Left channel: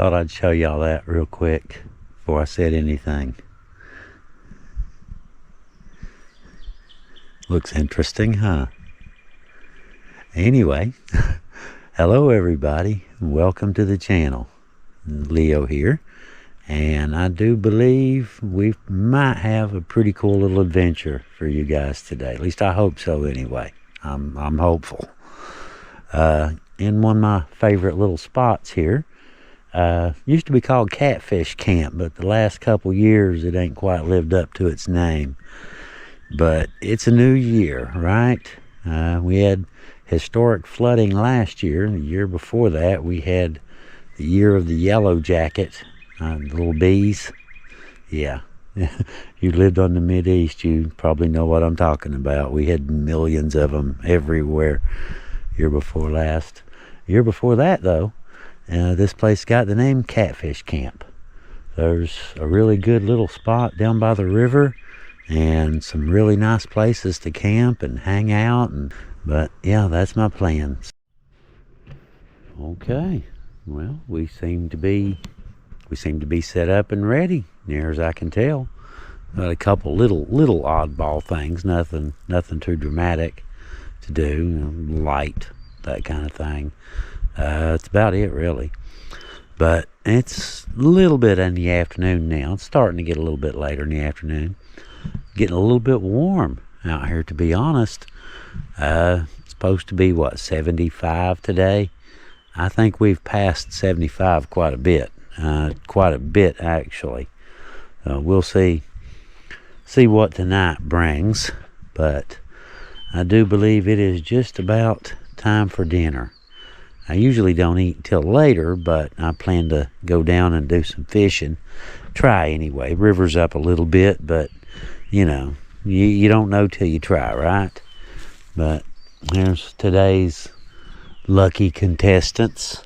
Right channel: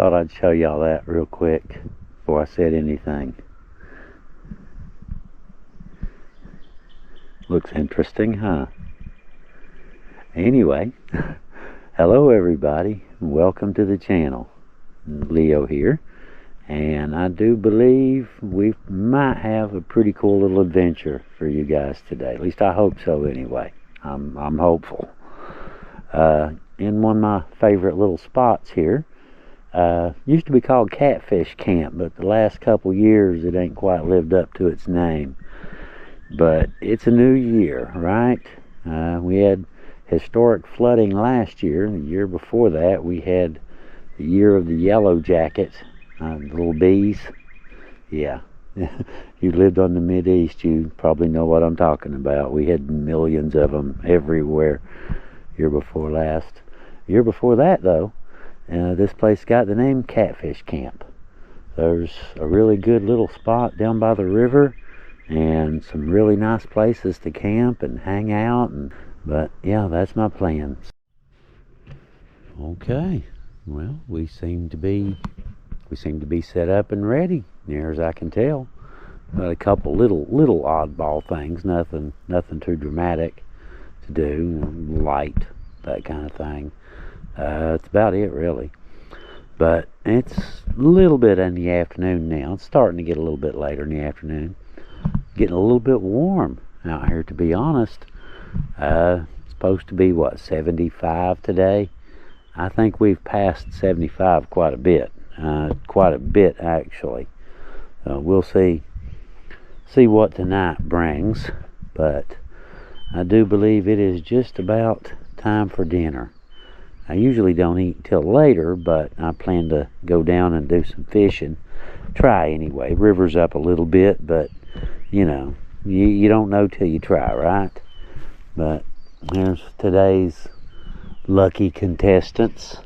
Thought I'd show y'all that real quick before I said anything. Looks interesting, huh? Anyway, hello everybody. Welcome to the channel. Leo here. And I do believe we might have a pretty cool little adventure for you guys today. At least I hope so anyway. I'm hopeful. In one of my favorite little spots here. Used to be called Catfish Camp, but the last couple years it ain't quite lived up to its name. But it's a new year, right? We had historic flooding last year. The year before that we had the year of the yellow jacket. The little bees. Yeah. You lived on the Mideast, you probably know what I'm talking about. We had millions of them everywhere year before last. Year before that though, this place got the name Catfish Camp. There's a really good little spot down by the river and some really nice places to camp and hang out. But yeah, that's my plans. Okay, well, we seem to be set up and ready, near as I can tell. Got a couple little oddball things, nothing too dramatic to do, light, that kind of thing. That's about it really. But it's a little bit in the afternoon now. It's starting to get a little bit later in the afternoon. Getting a little bit warm out here, to be honest. It's supposed to be, what, 75 today? I think we've passed 75 quite a bit. Quite a bit actually. We'll see what tonight brings, but I do believe it is just about time for dinner. I usually don't eat till later, but I plan to go down and do some fishing. Try anyway. River's up a little bit, but you know, you don't know till you try, right? But there's today's lucky contestants.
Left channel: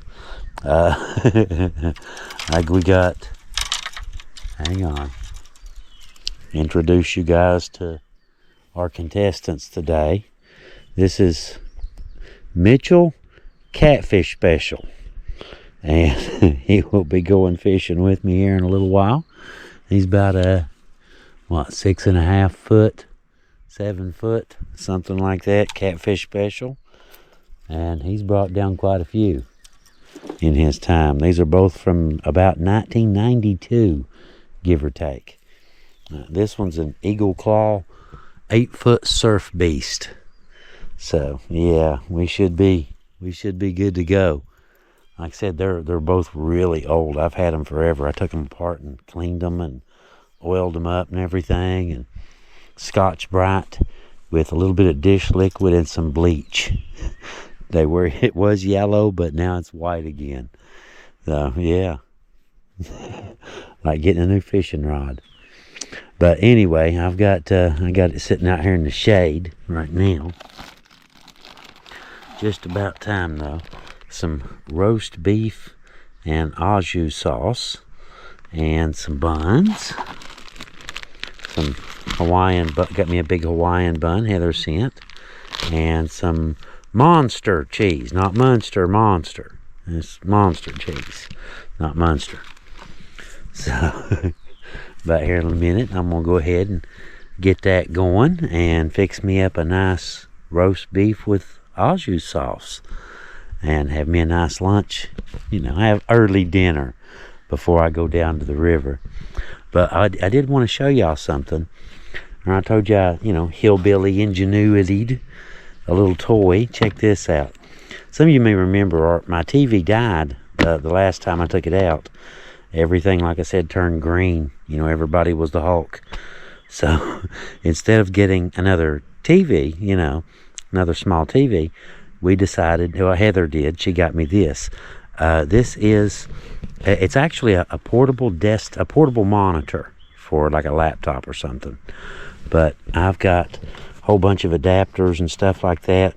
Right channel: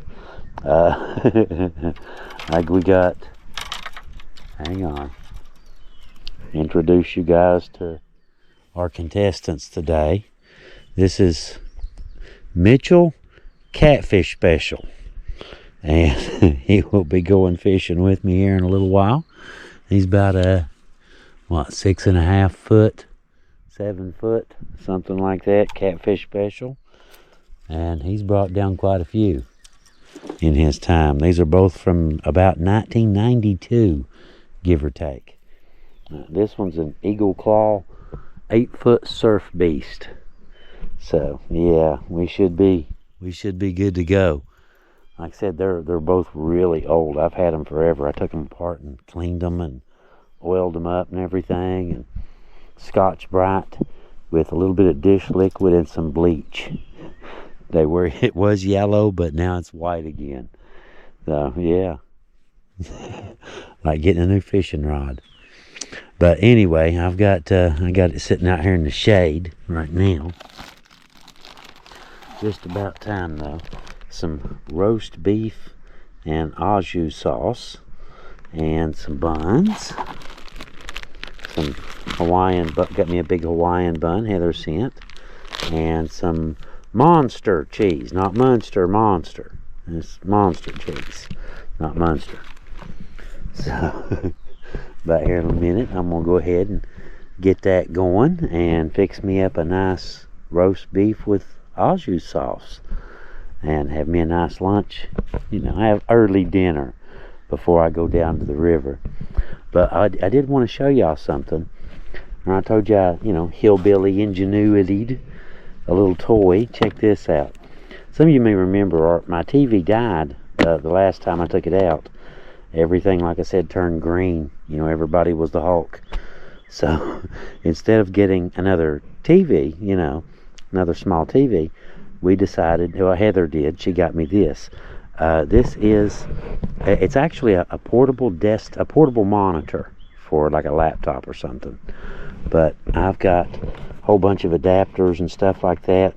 Like we got, hang on, introduce you guys to our contestants today. This is Mitchell Catfish Special, and he will be going fishing with me here in a little while. He's about a 6.5 foot, 7 foot, something like that, Catfish Special, and he's brought down quite a few in his time. These are both from about 1992, give or take. This one's an Eagle Claw 8-foot surf beast. So yeah, we should be good to go. Like I said, they're both really old. I've had them forever. I took them apart and cleaned them and oiled them up and everything, and Scotch Brite with a little bit of dish liquid and some bleach. It was yellow, but now it's white again. So yeah, like getting a new fishing rod. But anyway, I got it sitting out here in the shade right now. Just about time though. Some roast beef and au jus sauce, and some buns. Some Hawaiian, got me a big Hawaiian bun Heather sent, and some Monster cheese, not Munster, Monster. It's Monster cheese, not Munster. So, about here in a minute, I'm going to go ahead and get that going and fix me up a nice roast beef with au jus sauce and have me a nice lunch. You know, have early dinner before I go down to the river. But I did want to show y'all something. I told y'all, you know, hillbilly ingenuity. A little toy. Check this out. Some of you may remember my TV died the last time I took it out. Everything, like I said, turned green. You know, everybody was the Hulk. So instead of getting another TV, you know, another small TV, we decided, well, Heather did. She got me this. This is, it's actually a portable portable monitor for like a laptop or something. But I've got whole bunch of adapters and stuff like that.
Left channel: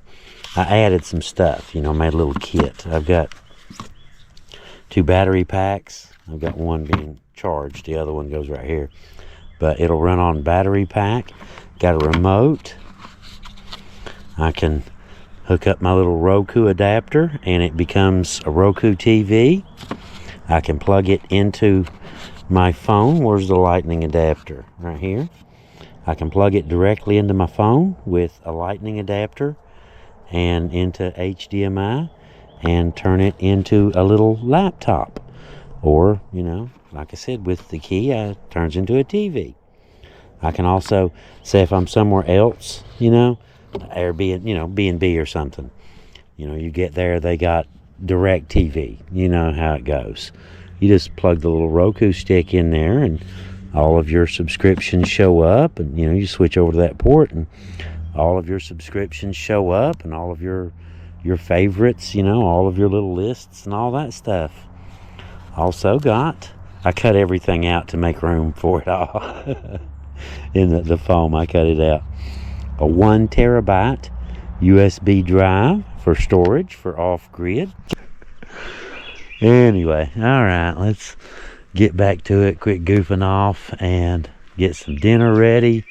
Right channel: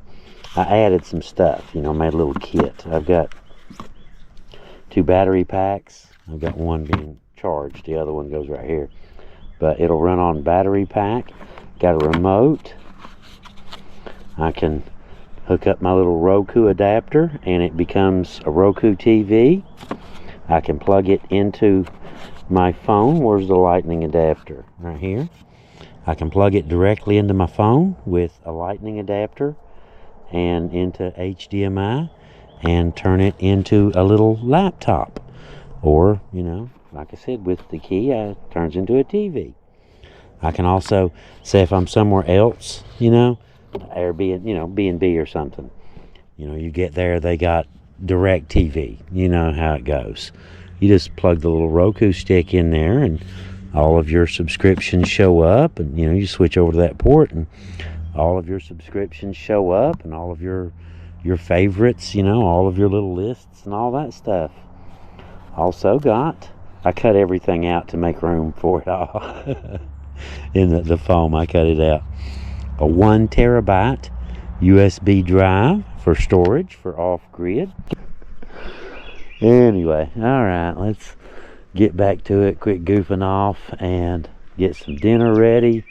I added some stuff, you know, made a little kit. I've got 2 battery packs. I've got one being charged, the other one goes right here. But it'll run on battery pack. Got a remote. I can hook up my little Roku adapter and it becomes a Roku TV. I can plug it into my phone. Where's the lightning adapter? Right here. I can plug it directly into my phone with a lightning adapter and into HDMI and turn it into a little laptop. Or, you know, like I said, with the key, it turns into a TV. I can also say if I'm somewhere else, you know, Airbnb, you know, B&B or something. You know, you get there, they got direct TV. You know how it goes. You just plug the little Roku stick in there and all of your subscriptions show up, and you know, you switch over to that port and all of your subscriptions show up, and all of your favorites, you know, all of your little lists and all that stuff. Also got, I cut everything out to make room for it all. In the foam, I cut it out. A 1 terabyte USB drive for storage for off-grid. Anyway, alright, let's get back to it. Quit goofing off and get some dinner ready.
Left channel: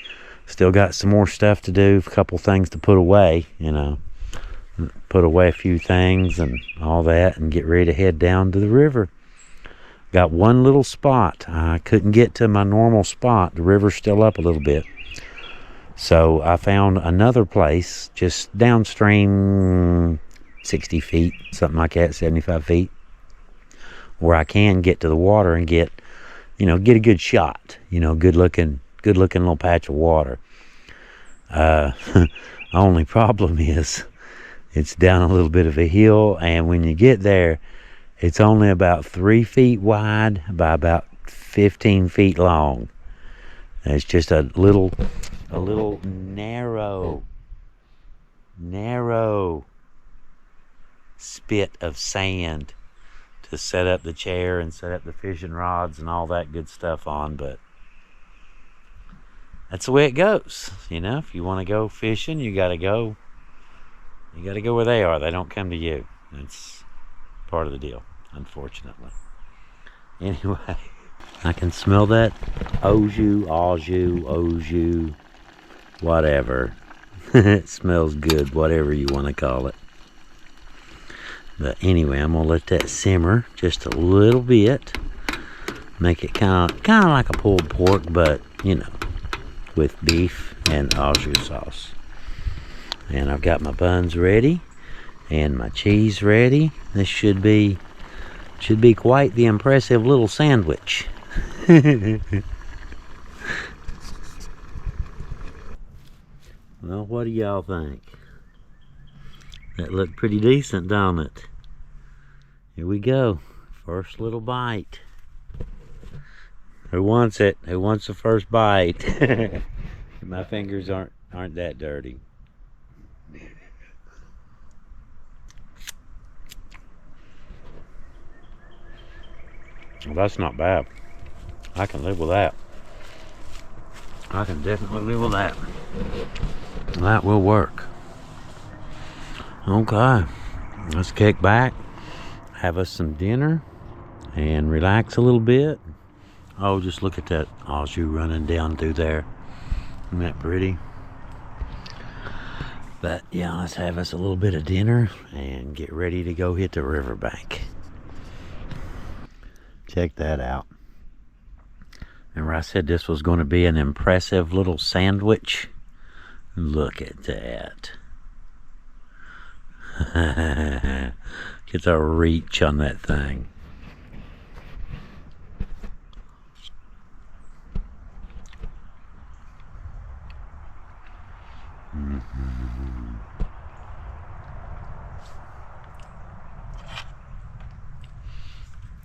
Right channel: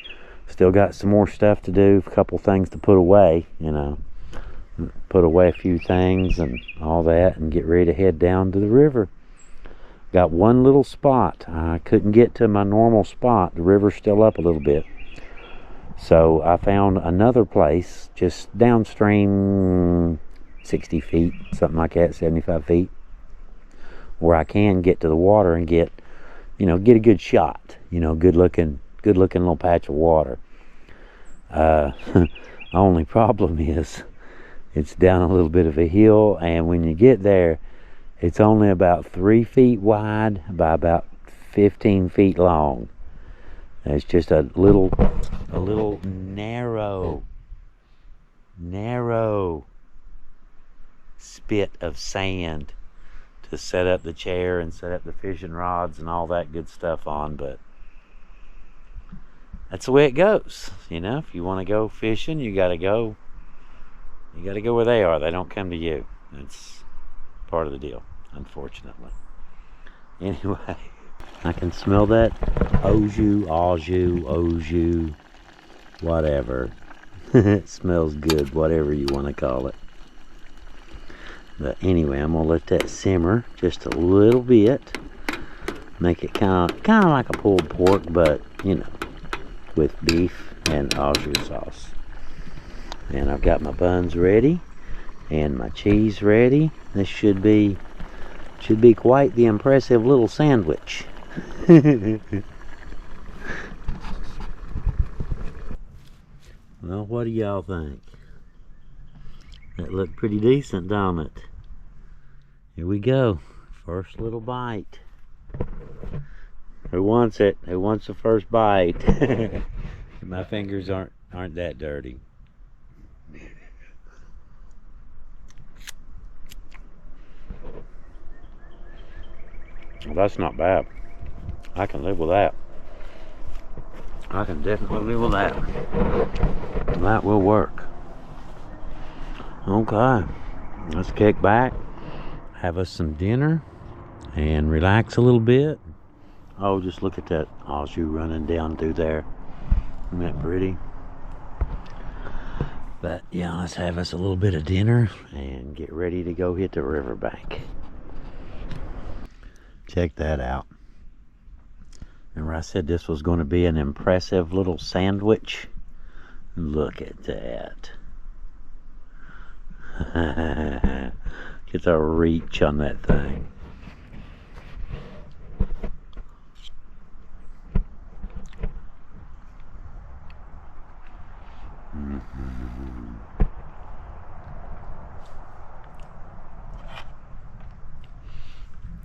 Still got some more stuff to do, a couple things to put away, you know. Put away a few things and all that and get ready to head down to the river. Got one little spot. I couldn't get to my normal spot. The river's still up a little bit. So I found another place just downstream 60 feet, something like that, 75 feet, where I can get to the water and get, you know, get a good shot, you know, good looking little patch of water. Only problem is it's down a little bit of a hill, and when you get there, it's only about 3 feet wide by about 15 feet long. It's just a little narrow spit of sand to set up the chair and set up the fishing rods and all that good stuff on. But that's the way it goes, you know. If you want to go fishing, you gotta go where they are. They don't come to you. That's part of the deal, unfortunately. Anyway, I can smell that oju, whatever. It smells good, whatever you want to call it. But anyway, I'm gonna let that simmer just a little bit. Make it kind of like a pulled pork, but you know, with beef and au jus sauce. And I've got my buns ready and my cheese ready. This should be quite the impressive little sandwich. Well, what do y'all think? That looked pretty decent, don't it? Here we go. First little bite. Who wants it? Who wants the first bite? My fingers aren't that dirty. Well, that's not bad. I can live with that. I can definitely live with that. That will work. Okay, let's kick back, have us some dinner, and relax a little bit. Oh, just look at that au jus running down through there. Isn't that pretty? But yeah, let's have us a little bit of dinner and get ready to go hit the riverbank. Check that out. Remember I said this was going to be an impressive little sandwich? Look at that. Get the reach on that thing.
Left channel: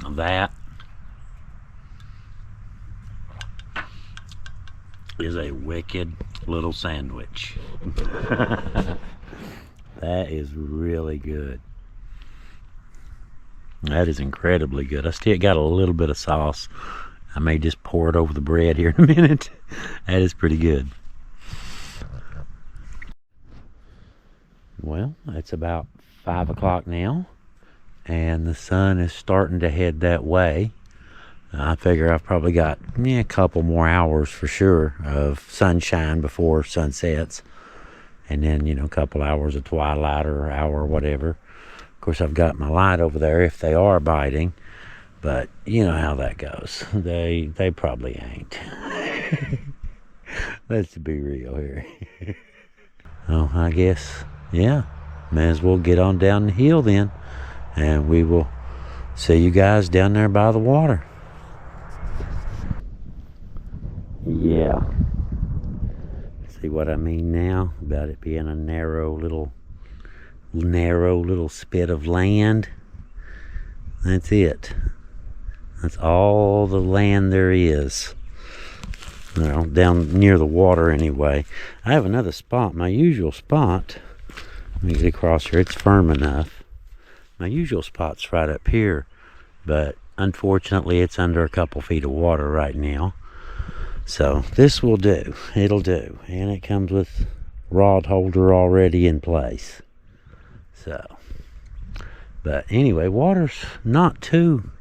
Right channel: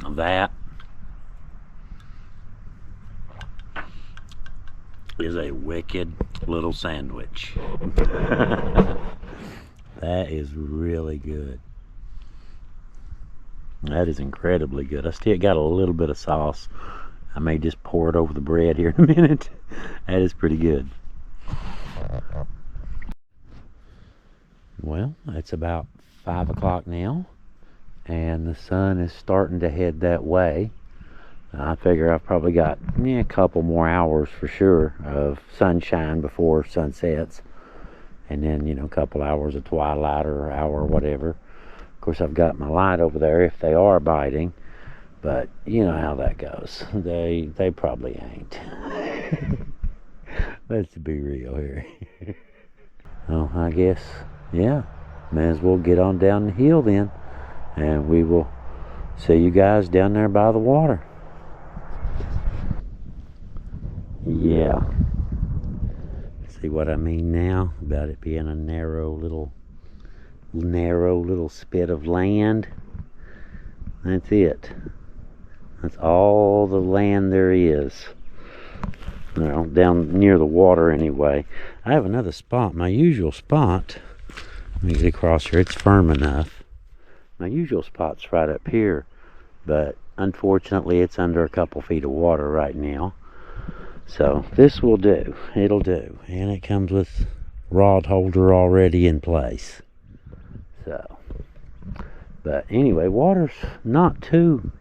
That is a wicked little sandwich. That is really good. That is incredibly good. I still got a little bit of sauce. I may just pour it over the bread here in a minute. That is pretty good. Well, it's about 5 o'clock now, and the sun is starting to head that way. I figure I've probably got a couple more hours for sure of sunshine before sun sets, and then, you know, a couple hours of twilight or hour or whatever. Of course, I've got my light over there if they are biting, But you know how that goes. They probably ain't. Let's be real here. Oh, I guess, yeah, may as well get on down the hill then, and we will see you guys down there by the water. Yeah. See what I mean now about it being a narrow little spit of land? That's it. That's all the land there is. Well, down near the water anyway. I have another spot, my usual spot. Let me get across here, it's firm enough. My usual spot's right up here, but unfortunately it's under a couple feet of water right now. So this will do, it'll do. And it comes with rod holder already in place. So, but anyway, water's not too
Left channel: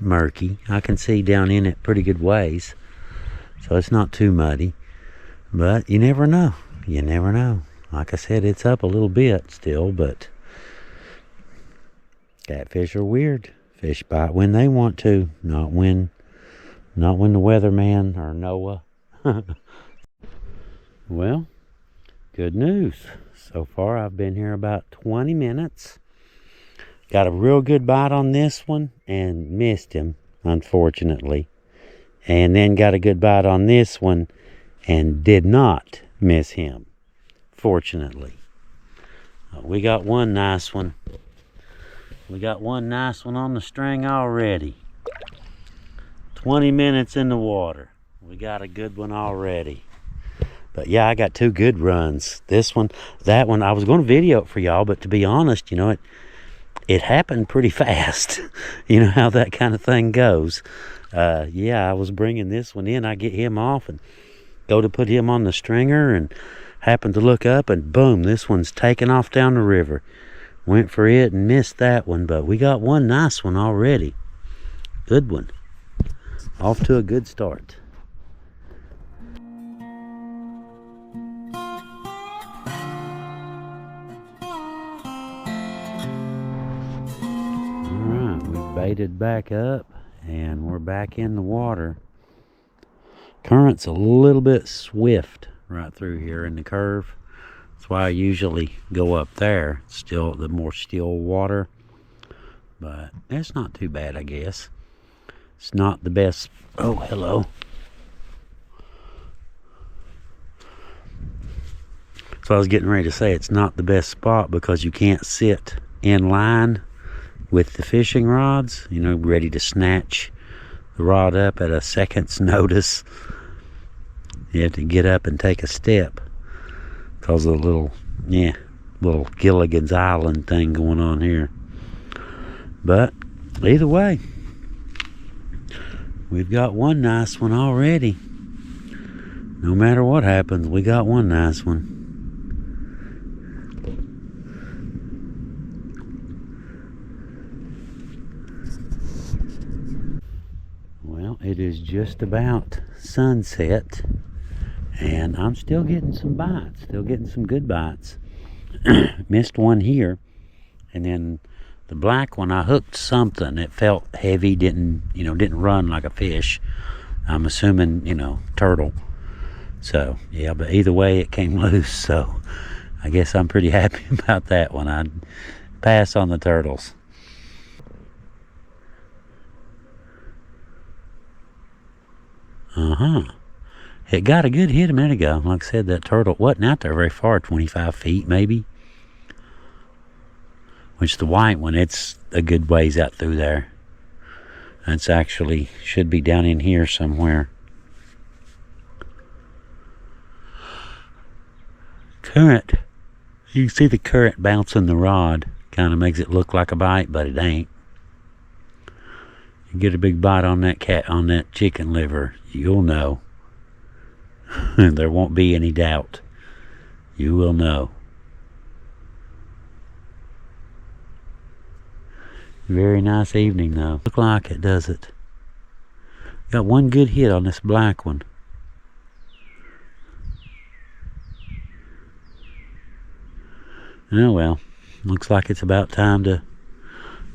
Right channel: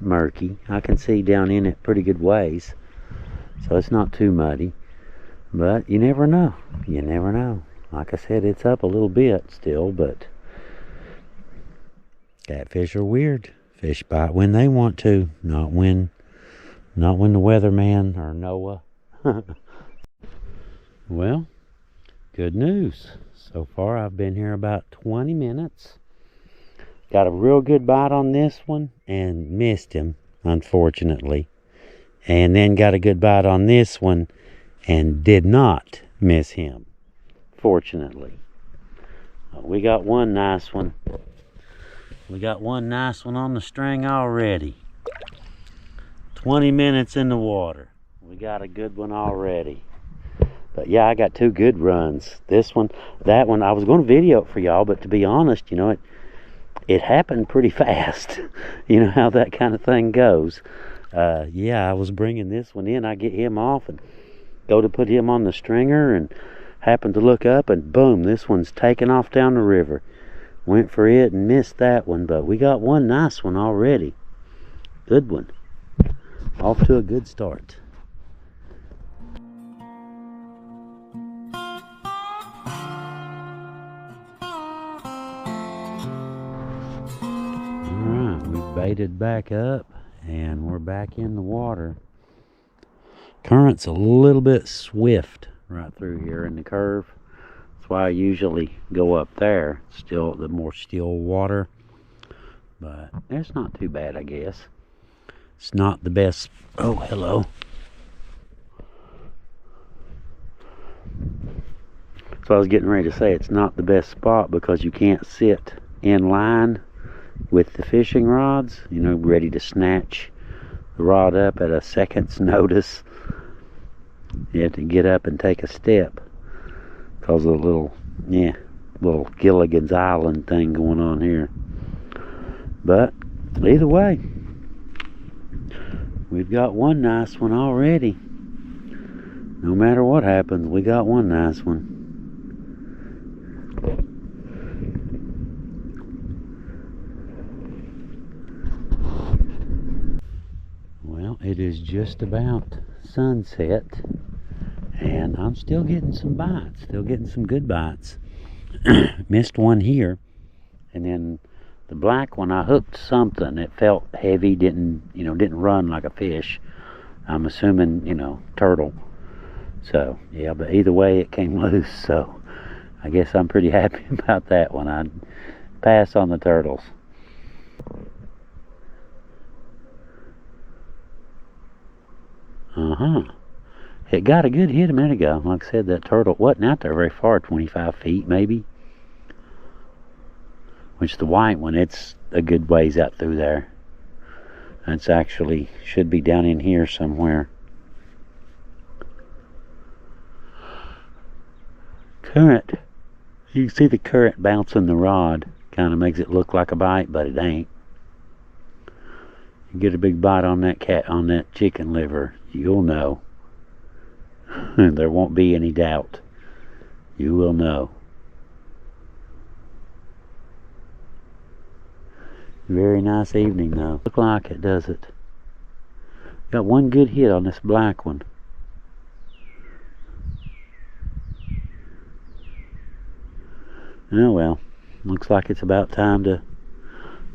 murky. I can see down in it pretty good ways. So it's not too muddy, but you never know. You never know. Like I said, it's up a little bit still, but catfish are weird. Fish bite when they want to, not when the weatherman or Noah. Well, good news. So far I've been here about 20 minutes. Got a real good bite on this one and missed him, unfortunately. And then got a good bite on this one and did not miss him, fortunately. We got one nice one. We got one nice one on the string already. 20 minutes in the water. We got a good one already. But yeah, I got two good runs. This one, that one, I was going to video it for y'all, but to be honest, you know, it happened pretty fast. You know how that kind of thing goes. Yeah, I was bringing this one in. I get him off and go to put him on the stringer and happened to look up and boom, this one's taking off down the river. Went for it and missed that one, but we got one nice one already. Good one. Off to a good start. Alright, we baited back up. And we're back in the water. Current's a little bit swift right through here in the curve. That's why I usually go up there. Still the more still water. But it's not too bad, I guess. It's not the best. Oh, hello. So I was getting ready to say it's not the best spot because you can't sit in line with the fishing rods, you know, ready to snatch the rod up at a second's notice. You have to get up and take a step because of the little Gilligan's Island thing going on here. But either way, we've got one nice one already. No matter what happens, we got one nice one. Well, it is just about sunset, and I'm still getting some bites, still getting some good bites. Missed one here, and then the black one, I hooked something. It felt heavy, didn't run like a fish. I'm assuming, turtle. So, yeah, but either way, it came loose, so I guess I'm pretty happy about that one. I'd pass on the turtles. It got a good hit a minute ago. Like I said, that turtle wasn't out there very far, 25 feet maybe. Which the white one, it's a good ways out through there. It's actually, should be down in here somewhere. Current. You can see the current bouncing the rod. Kind of makes it look like a bite, but it ain't. You get a big bite on that chicken liver, you'll know. There won't be any doubt. You will know. Very nice evening though. Look like it, does it? Got one good hit on this black one. Oh well, looks like it's about time to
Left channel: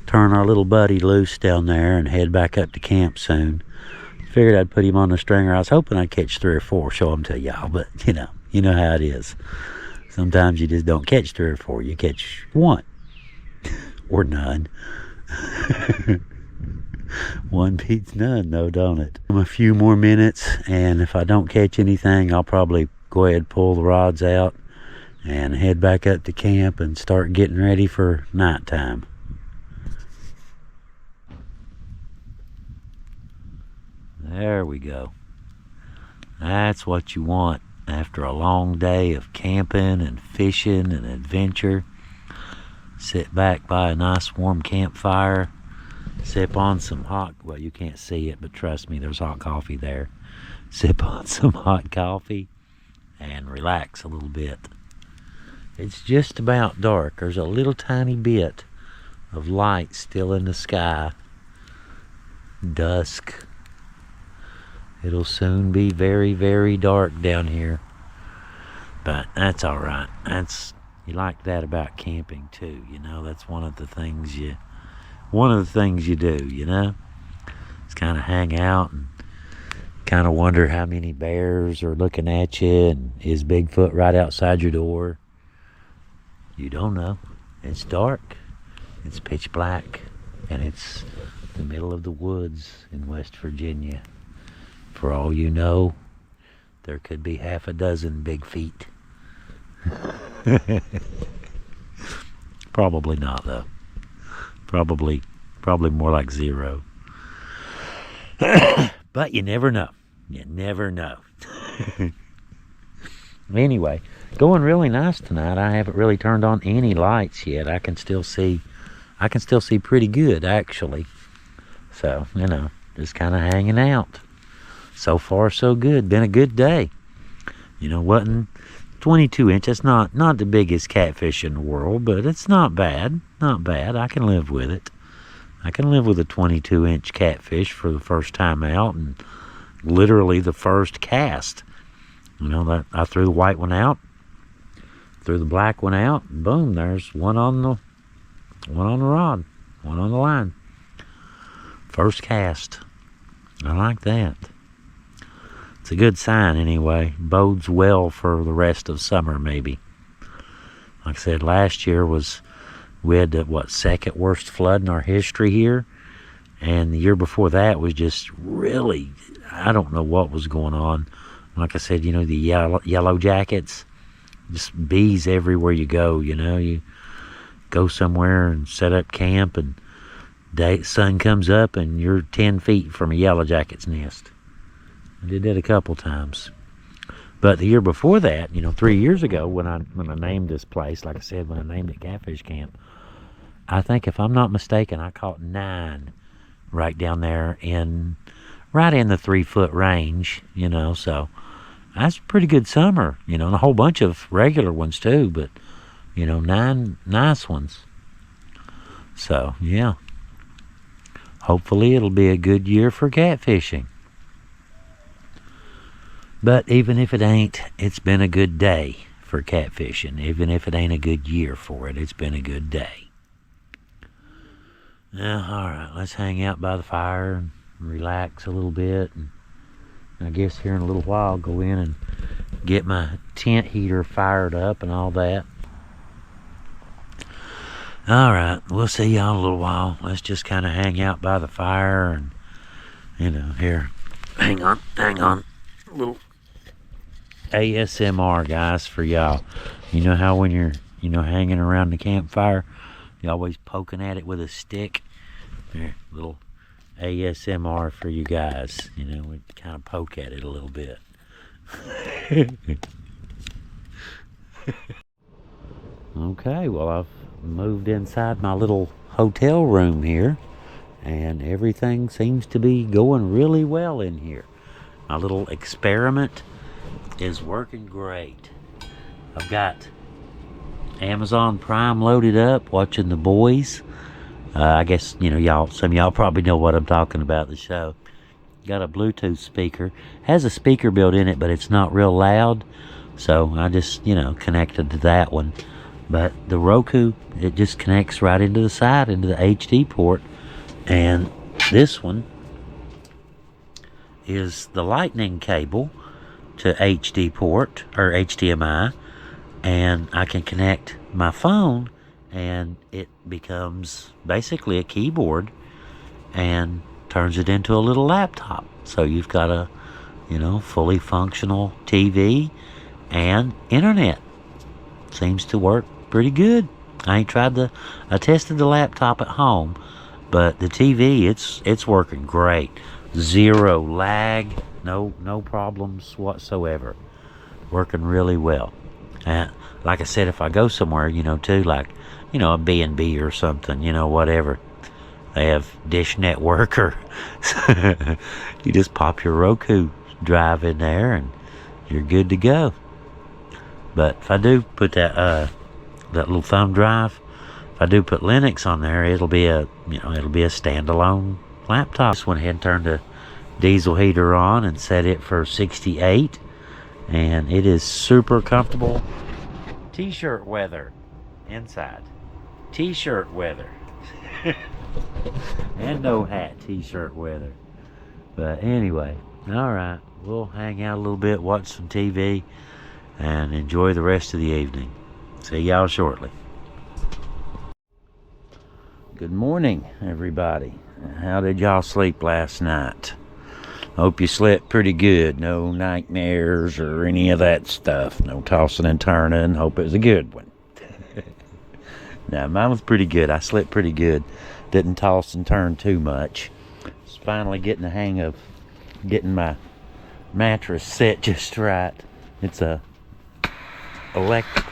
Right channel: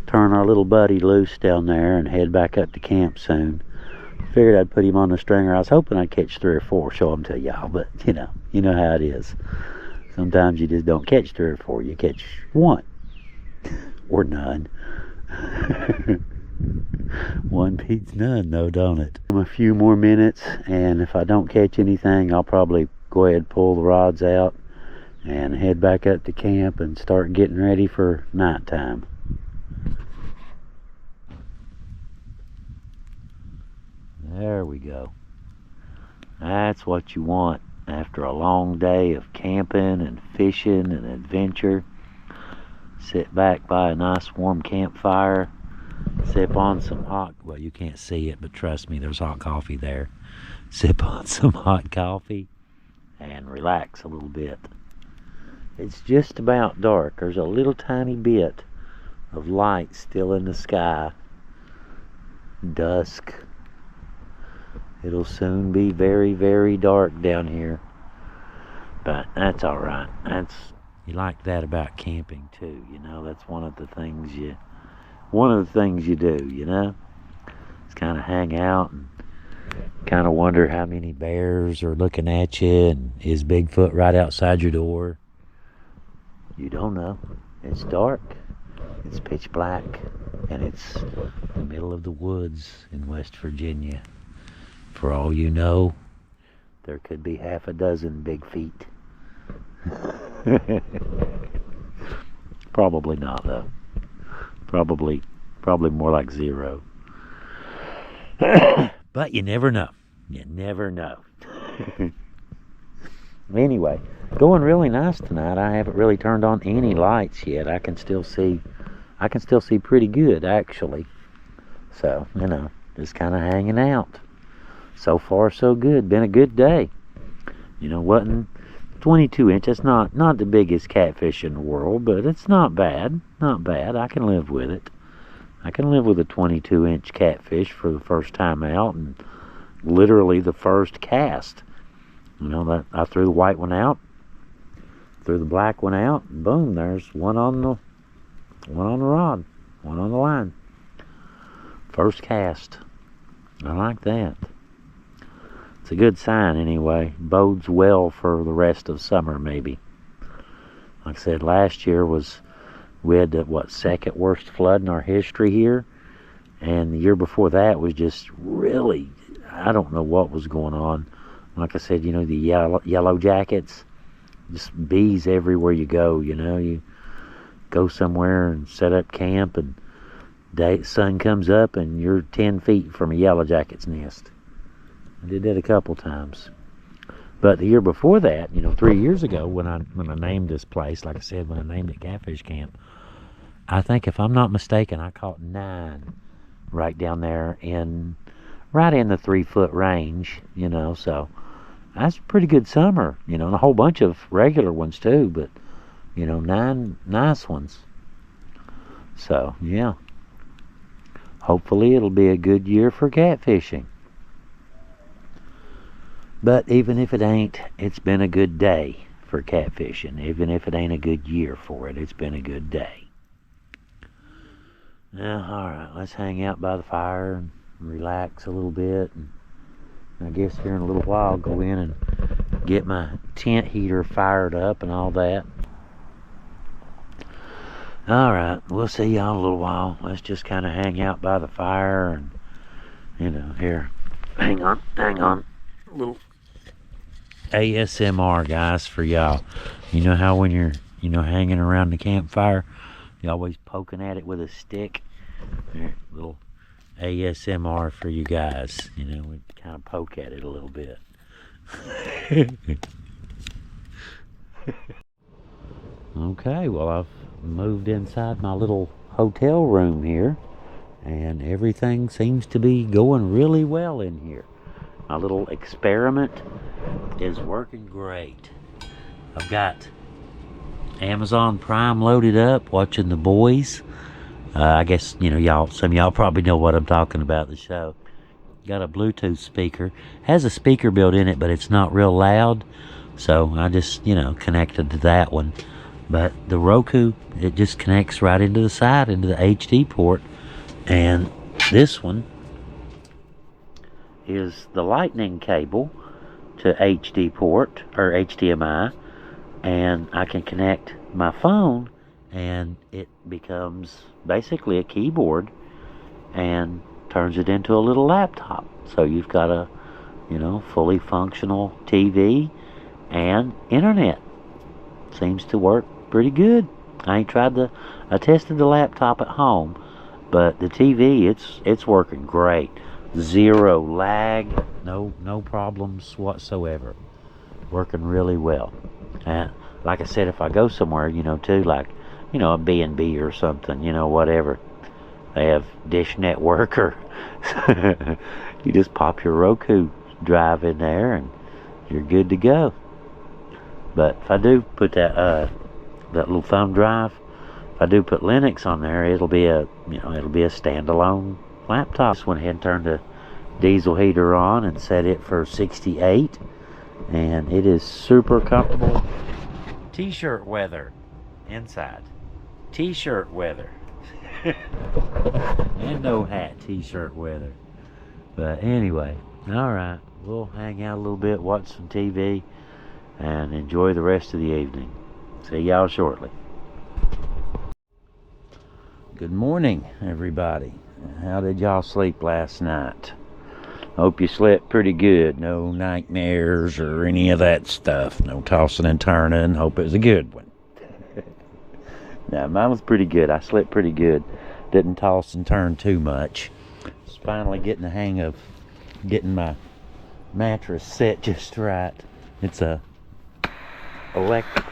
turn our little buddy loose down there and head back up to camp soon. Figured I'd put him on the stringer. I was hoping I'd catch 3 or 4, show them to y'all, but you know how it is. Sometimes you just don't catch 3 or 4, you catch 1 or none. One beats none though, don't it? A few more minutes, and if I don't catch anything, I'll probably go ahead and pull the rods out and head back up to camp and start getting ready for nighttime. There we go. That's what you want after a long day of camping and fishing and adventure. Sit back by a nice warm campfire, sip on some hot, well, you can't see it, but trust me, there's hot coffee there. Sip on some hot coffee and relax a little bit. It's just about dark. There's a little tiny bit of light still in the sky. Dusk. It'll soon be very, very dark down here. But that's all right. You like that about camping too, you know. That's one of the things you do, you know. Just kind of hang out and kind of wonder how many bears are looking at you, and is Bigfoot right outside your door? You don't know. It's dark. It's pitch black, and it's the middle of the woods in West Virginia. For all you know, there could be half a dozen big feet. Probably not though. Probably more like 0. But you never know. You never know. Anyway, going really nice tonight. I haven't really turned on any lights yet. I can still see pretty good actually. So, you know, just kind of hanging out. So far so good. Been a good day. You know, wasn't 22 inch. That's not the biggest catfish in the world, but it's not bad. Not bad. I can live with it. I can live with a 22 inch catfish for the first time out, and literally the first cast. You know, that I threw the white one out, threw the black one out, and boom, there's one on the rod, one on the line. First cast. I like that. It's a good sign anyway. Bodes well for the rest of summer maybe. Like I said, last year we had the second worst flood in our history here, and the year before that was just really, I don't know what was going on. Like I said, you know, the yellow jackets, just bees everywhere you go. You know, you go somewhere and set up camp, and sun comes up and you're 10 feet from a yellow jacket's nest. I did that a couple times. But the year before that, you know, 3 years ago, when I named this place, like I said, when I named it Catfish Camp, I think if I'm not mistaken, I caught 9 right down there right in the 3-foot range, you know. So that's a pretty good summer, you know, and a whole bunch of regular ones too, but you know, 9 nice ones. So yeah, hopefully it'll be a good year for catfishing. But even if it ain't, it's been a good day for catfishing. Even if it ain't a good year for it, it's been a good day. Now, all right, let's hang out by the fire and relax a little bit. And I guess here in a little while, I'll go in and get my tent heater fired up and all that. All right, we'll see y'all in a little while. Let's just kind of hang out by the fire and, you know, here. Hang on. A little ASMR, guys, for y'all. You know how when you're, you know, hanging around the campfire, you're always poking at it with a stick? Here, little ASMR for you guys. You know, we kind of poke at it a little bit. Okay, well, I've moved inside my little hotel room here, and everything seems to be going really well in here. My little experiment is working great. I've got Amazon Prime loaded up, watching The Boys. I guess, you know, some of y'all probably know what I'm talking about, the show. Got a Bluetooth speaker. Has a speaker built in it, but it's not real loud. So I just, you know, connected to that one. But the Roku, it just connects right into the side, into the HD port. And this one is the lightning cable to HD port, or HDMI. And I can connect my phone, and it becomes basically a keyboard and turns it into a little laptop. So you've got a, fully functional TV and internet. Seems to work pretty good. I tested the laptop at home, but the TV, it's working great. Zero lag, no problems whatsoever. Working really well. And like I said, if I go somewhere, too, like, a B&B or something, whatever, they have Dish Network, or you just pop your Roku drive in there and you're good to go. But if I do put that little thumb drive, if I do put Linux on there, it'll be a standalone laptop. Just went ahead and turned the diesel heater on and set it for 68, and it is super comfortable. T-shirt weather inside. T-shirt weather. And no hat, T-shirt weather. But anyway, alright, we'll hang out a little bit, watch some TV, and enjoy the rest of the evening. See y'all shortly. Good morning, everybody. How did y'all sleep last night? Hope you slept pretty good. No nightmares or any of that stuff. No tossing and turning. Hope it was a good one. Now, mine was pretty good. I slept pretty good. Didn't toss and turn too much. Just finally getting the hang of getting my mattress set just right. It's a electric.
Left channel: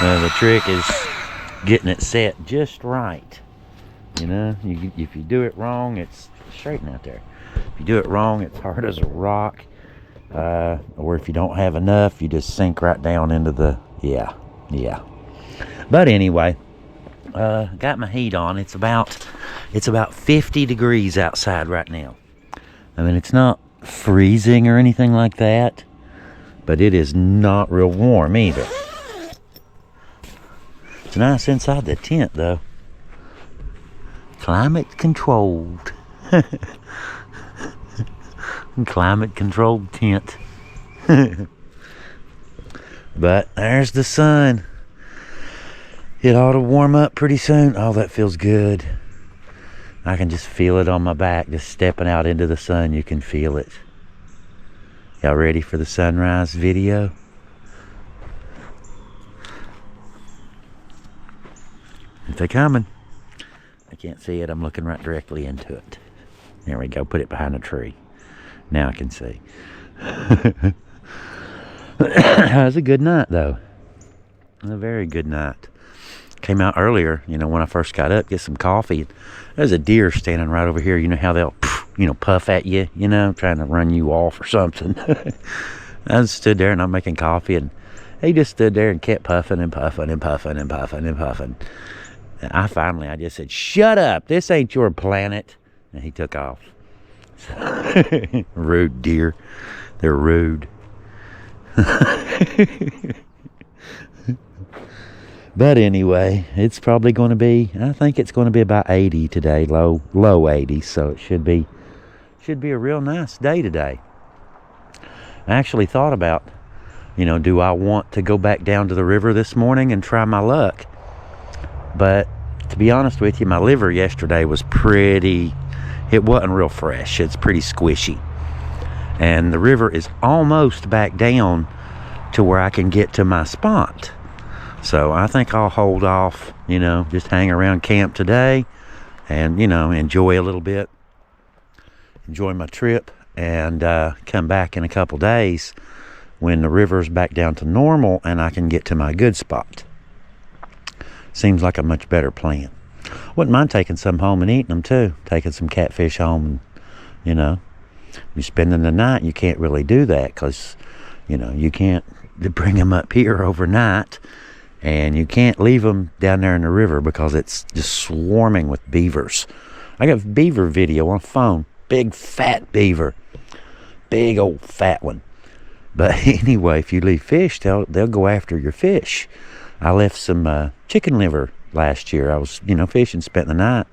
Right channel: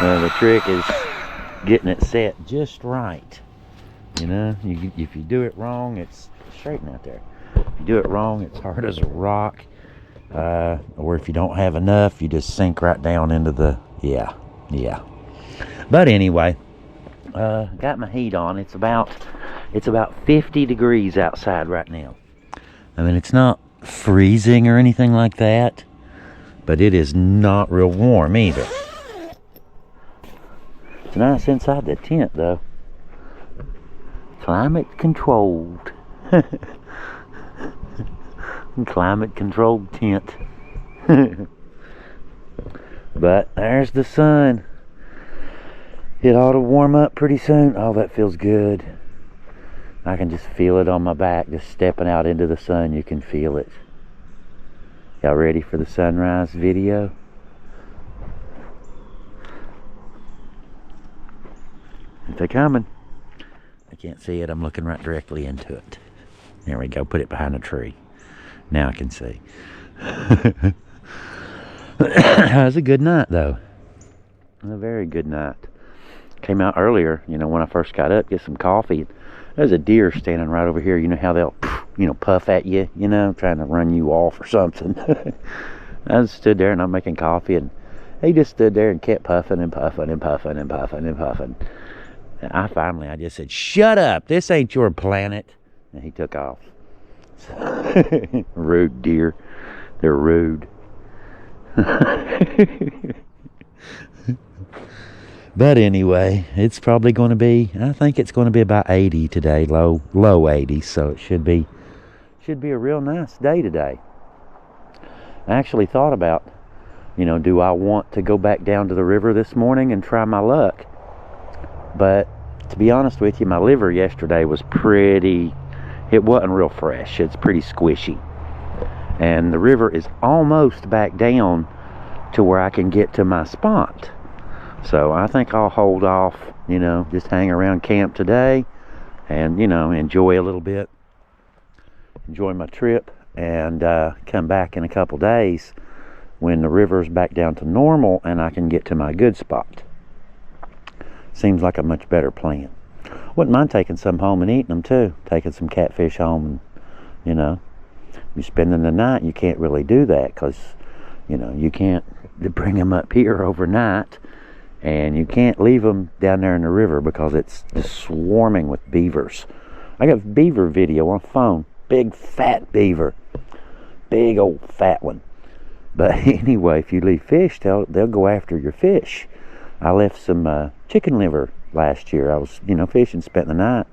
The trick is getting it set just right. If you do it wrong, it's straighten out there. If you do it wrong, it's hard as a rock. Or if you don't have enough, you just sink right down into the, yeah. But anyway, got my heat on. It's about 50 degrees outside right now. I mean, it's not freezing or anything like that, but it is not real warm either. It's nice inside the tent, though. Climate controlled. Climate controlled tent. But there's the sun. It ought to warm up pretty soon. Oh, that feels good. I can just feel it on my back. Just stepping out into the sun, you can feel it. Y'all ready for the sunrise video? If they're coming. I can't see it. I'm looking right directly into it. There we go. Put it behind a tree. Now I can see. It was a good night, though. A very good night. Came out earlier, when I first got up, get some coffee. There's a deer standing right over here. You know how they'll, puff at you, trying to run you off or something. I just stood there and I'm making coffee, and he just stood there and kept puffing and puffing and puffing and puffing and puffing. And I just said, "Shut up, this ain't your planet." And he took off. Rude deer. They're rude. But anyway, it's probably going to be, I think it's going to be about 80 today, low 80s, so it should be a real nice day today. I actually thought about, do I want to go back down to the river this morning and try my luck? But to be honest with you, my liver yesterday was it wasn't real fresh. It's pretty squishy. And the river is almost back down to where I can get to my spot. So I think I'll hold off, just hang around camp today and, enjoy a little bit. Enjoy my trip and come back in a couple days when the river's back down to normal and I can get to my good spot. Seems like a much better plan. Wouldn't mind taking some home and eating them too. Taking some catfish home and, you're spending the night. You can't really do that because, you can't bring them up here overnight. And you can't leave them down there in the river because it's just swarming with beavers. I got beaver video on phone. Big fat beaver. Big old fat one. But anyway, if you leave fish, they'll go after your fish. I left some chicken liver last year. I was, fishing, spent the night,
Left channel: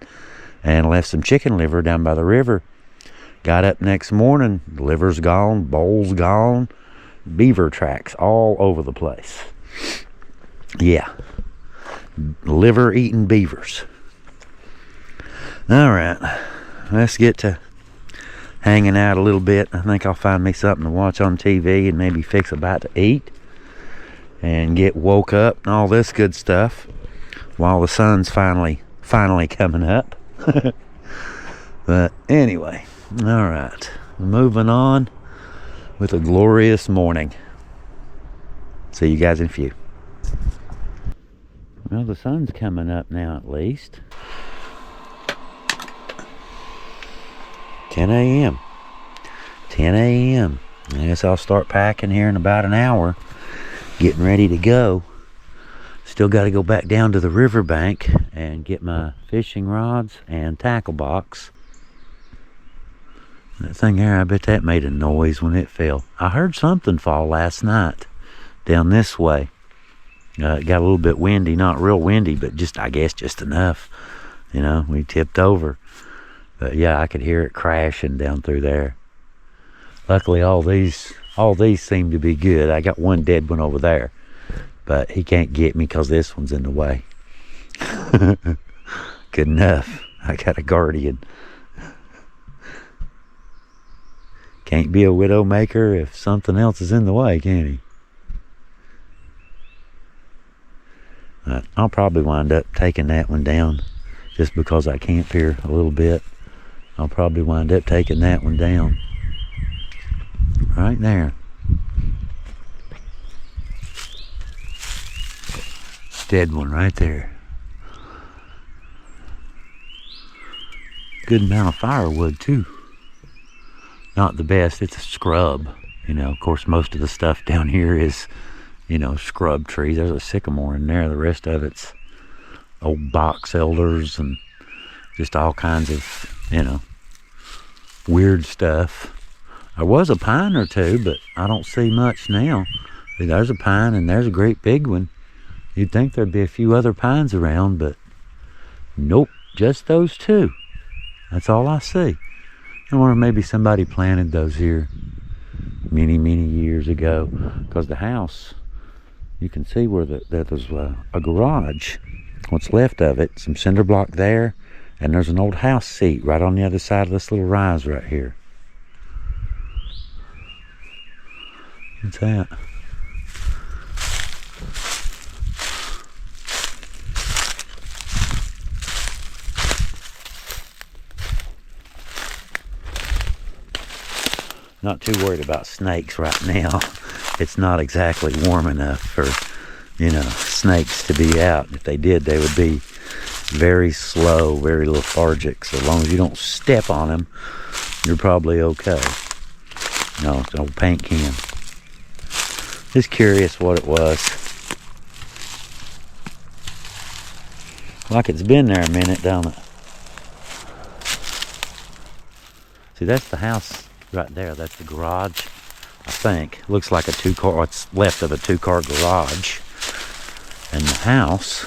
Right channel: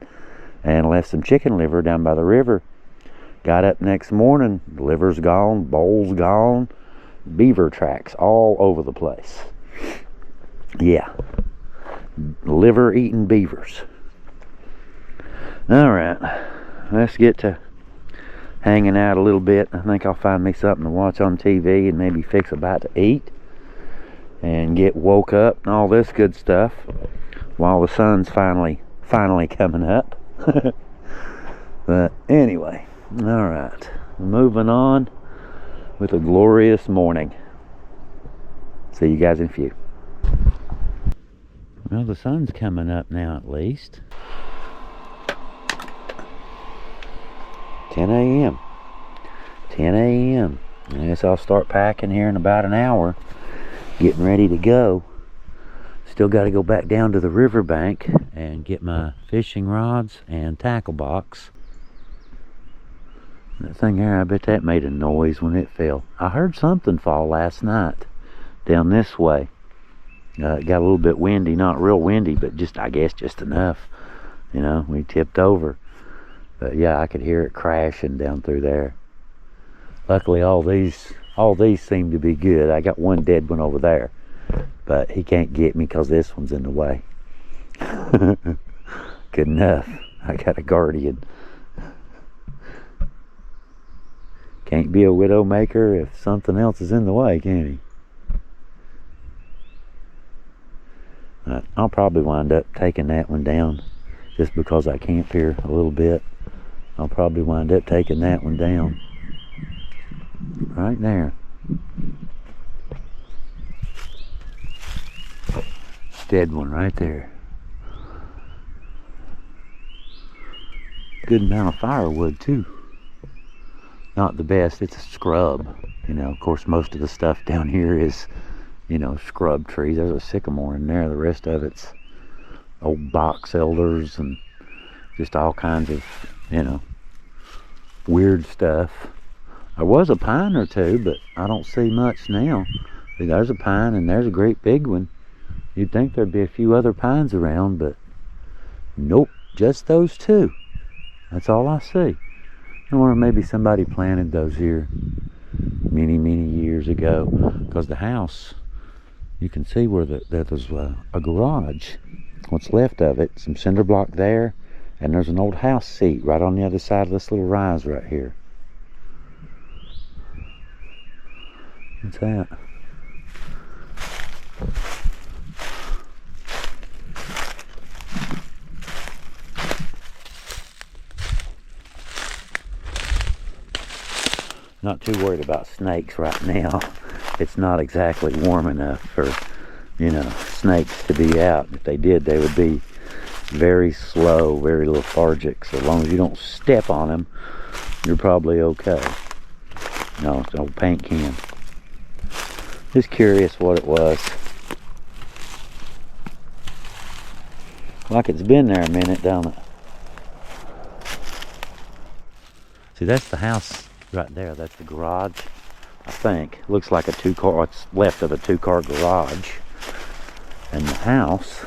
and left some chicken liver down by the river. Got up next morning, liver's gone, bowl's gone, beaver tracks all over the place. Yeah, liver eating beavers. All right, let's get to hanging out a little bit. I think I'll find me something to watch on TV and maybe fix a bite to eat and get woke up and all this good stuff while the sun's finally coming up. But anyway, all right, moving on with a glorious morning. See you guys in a few. Well, the sun's coming up now at least. 10 a.m. 10 a.m. I guess I'll start packing here in about an hour. Getting ready to go. Still got to go back down to the riverbank and get my fishing rods and tackle box. That thing there, I bet that made a noise when it fell. I heard something fall last night down this way. It got a little bit windy, not real windy, but I guess just enough. We tipped over. But yeah, I could hear it crashing down through there. Luckily, all these seem to be good. I got one dead one over there, but he can't get me because this one's in the way. Good enough. I got a guardian. Can't be a widow maker if something else is in the way, can he? I'll probably wind up taking that one down just because I camp here a little bit. I'll probably wind up taking that one down. Right there. Dead one right there. Good amount of firewood too. Not the best, it's a scrub. Of course most of the stuff down here is, scrub trees. There's a sycamore in there. The rest of it's old box elders and just all kinds of, weird stuff. There was a pine or two, but I don't see much now. See, there's a pine and there's a great big one. You'd think there'd be a few other pines around, but nope, just those two. That's all I see. I wonder if maybe somebody planted those here many, many years ago. Because the house, you can see where there's a garage. What's left of it, some cinder block there, and there's an old house seat right on the other side of this little rise right here. What's that? Not too worried about snakes right now. It's not exactly warm enough for, snakes to be out. If they did, they would be very slow, very lethargic. So as long as you don't step on them, you're probably okay. No, it's an old paint can. Just curious what it was. Like it's been there a minute, don't it? See, that's the house right there. That's the garage, I think. Looks like a two-car, what's left of a two-car garage. And the house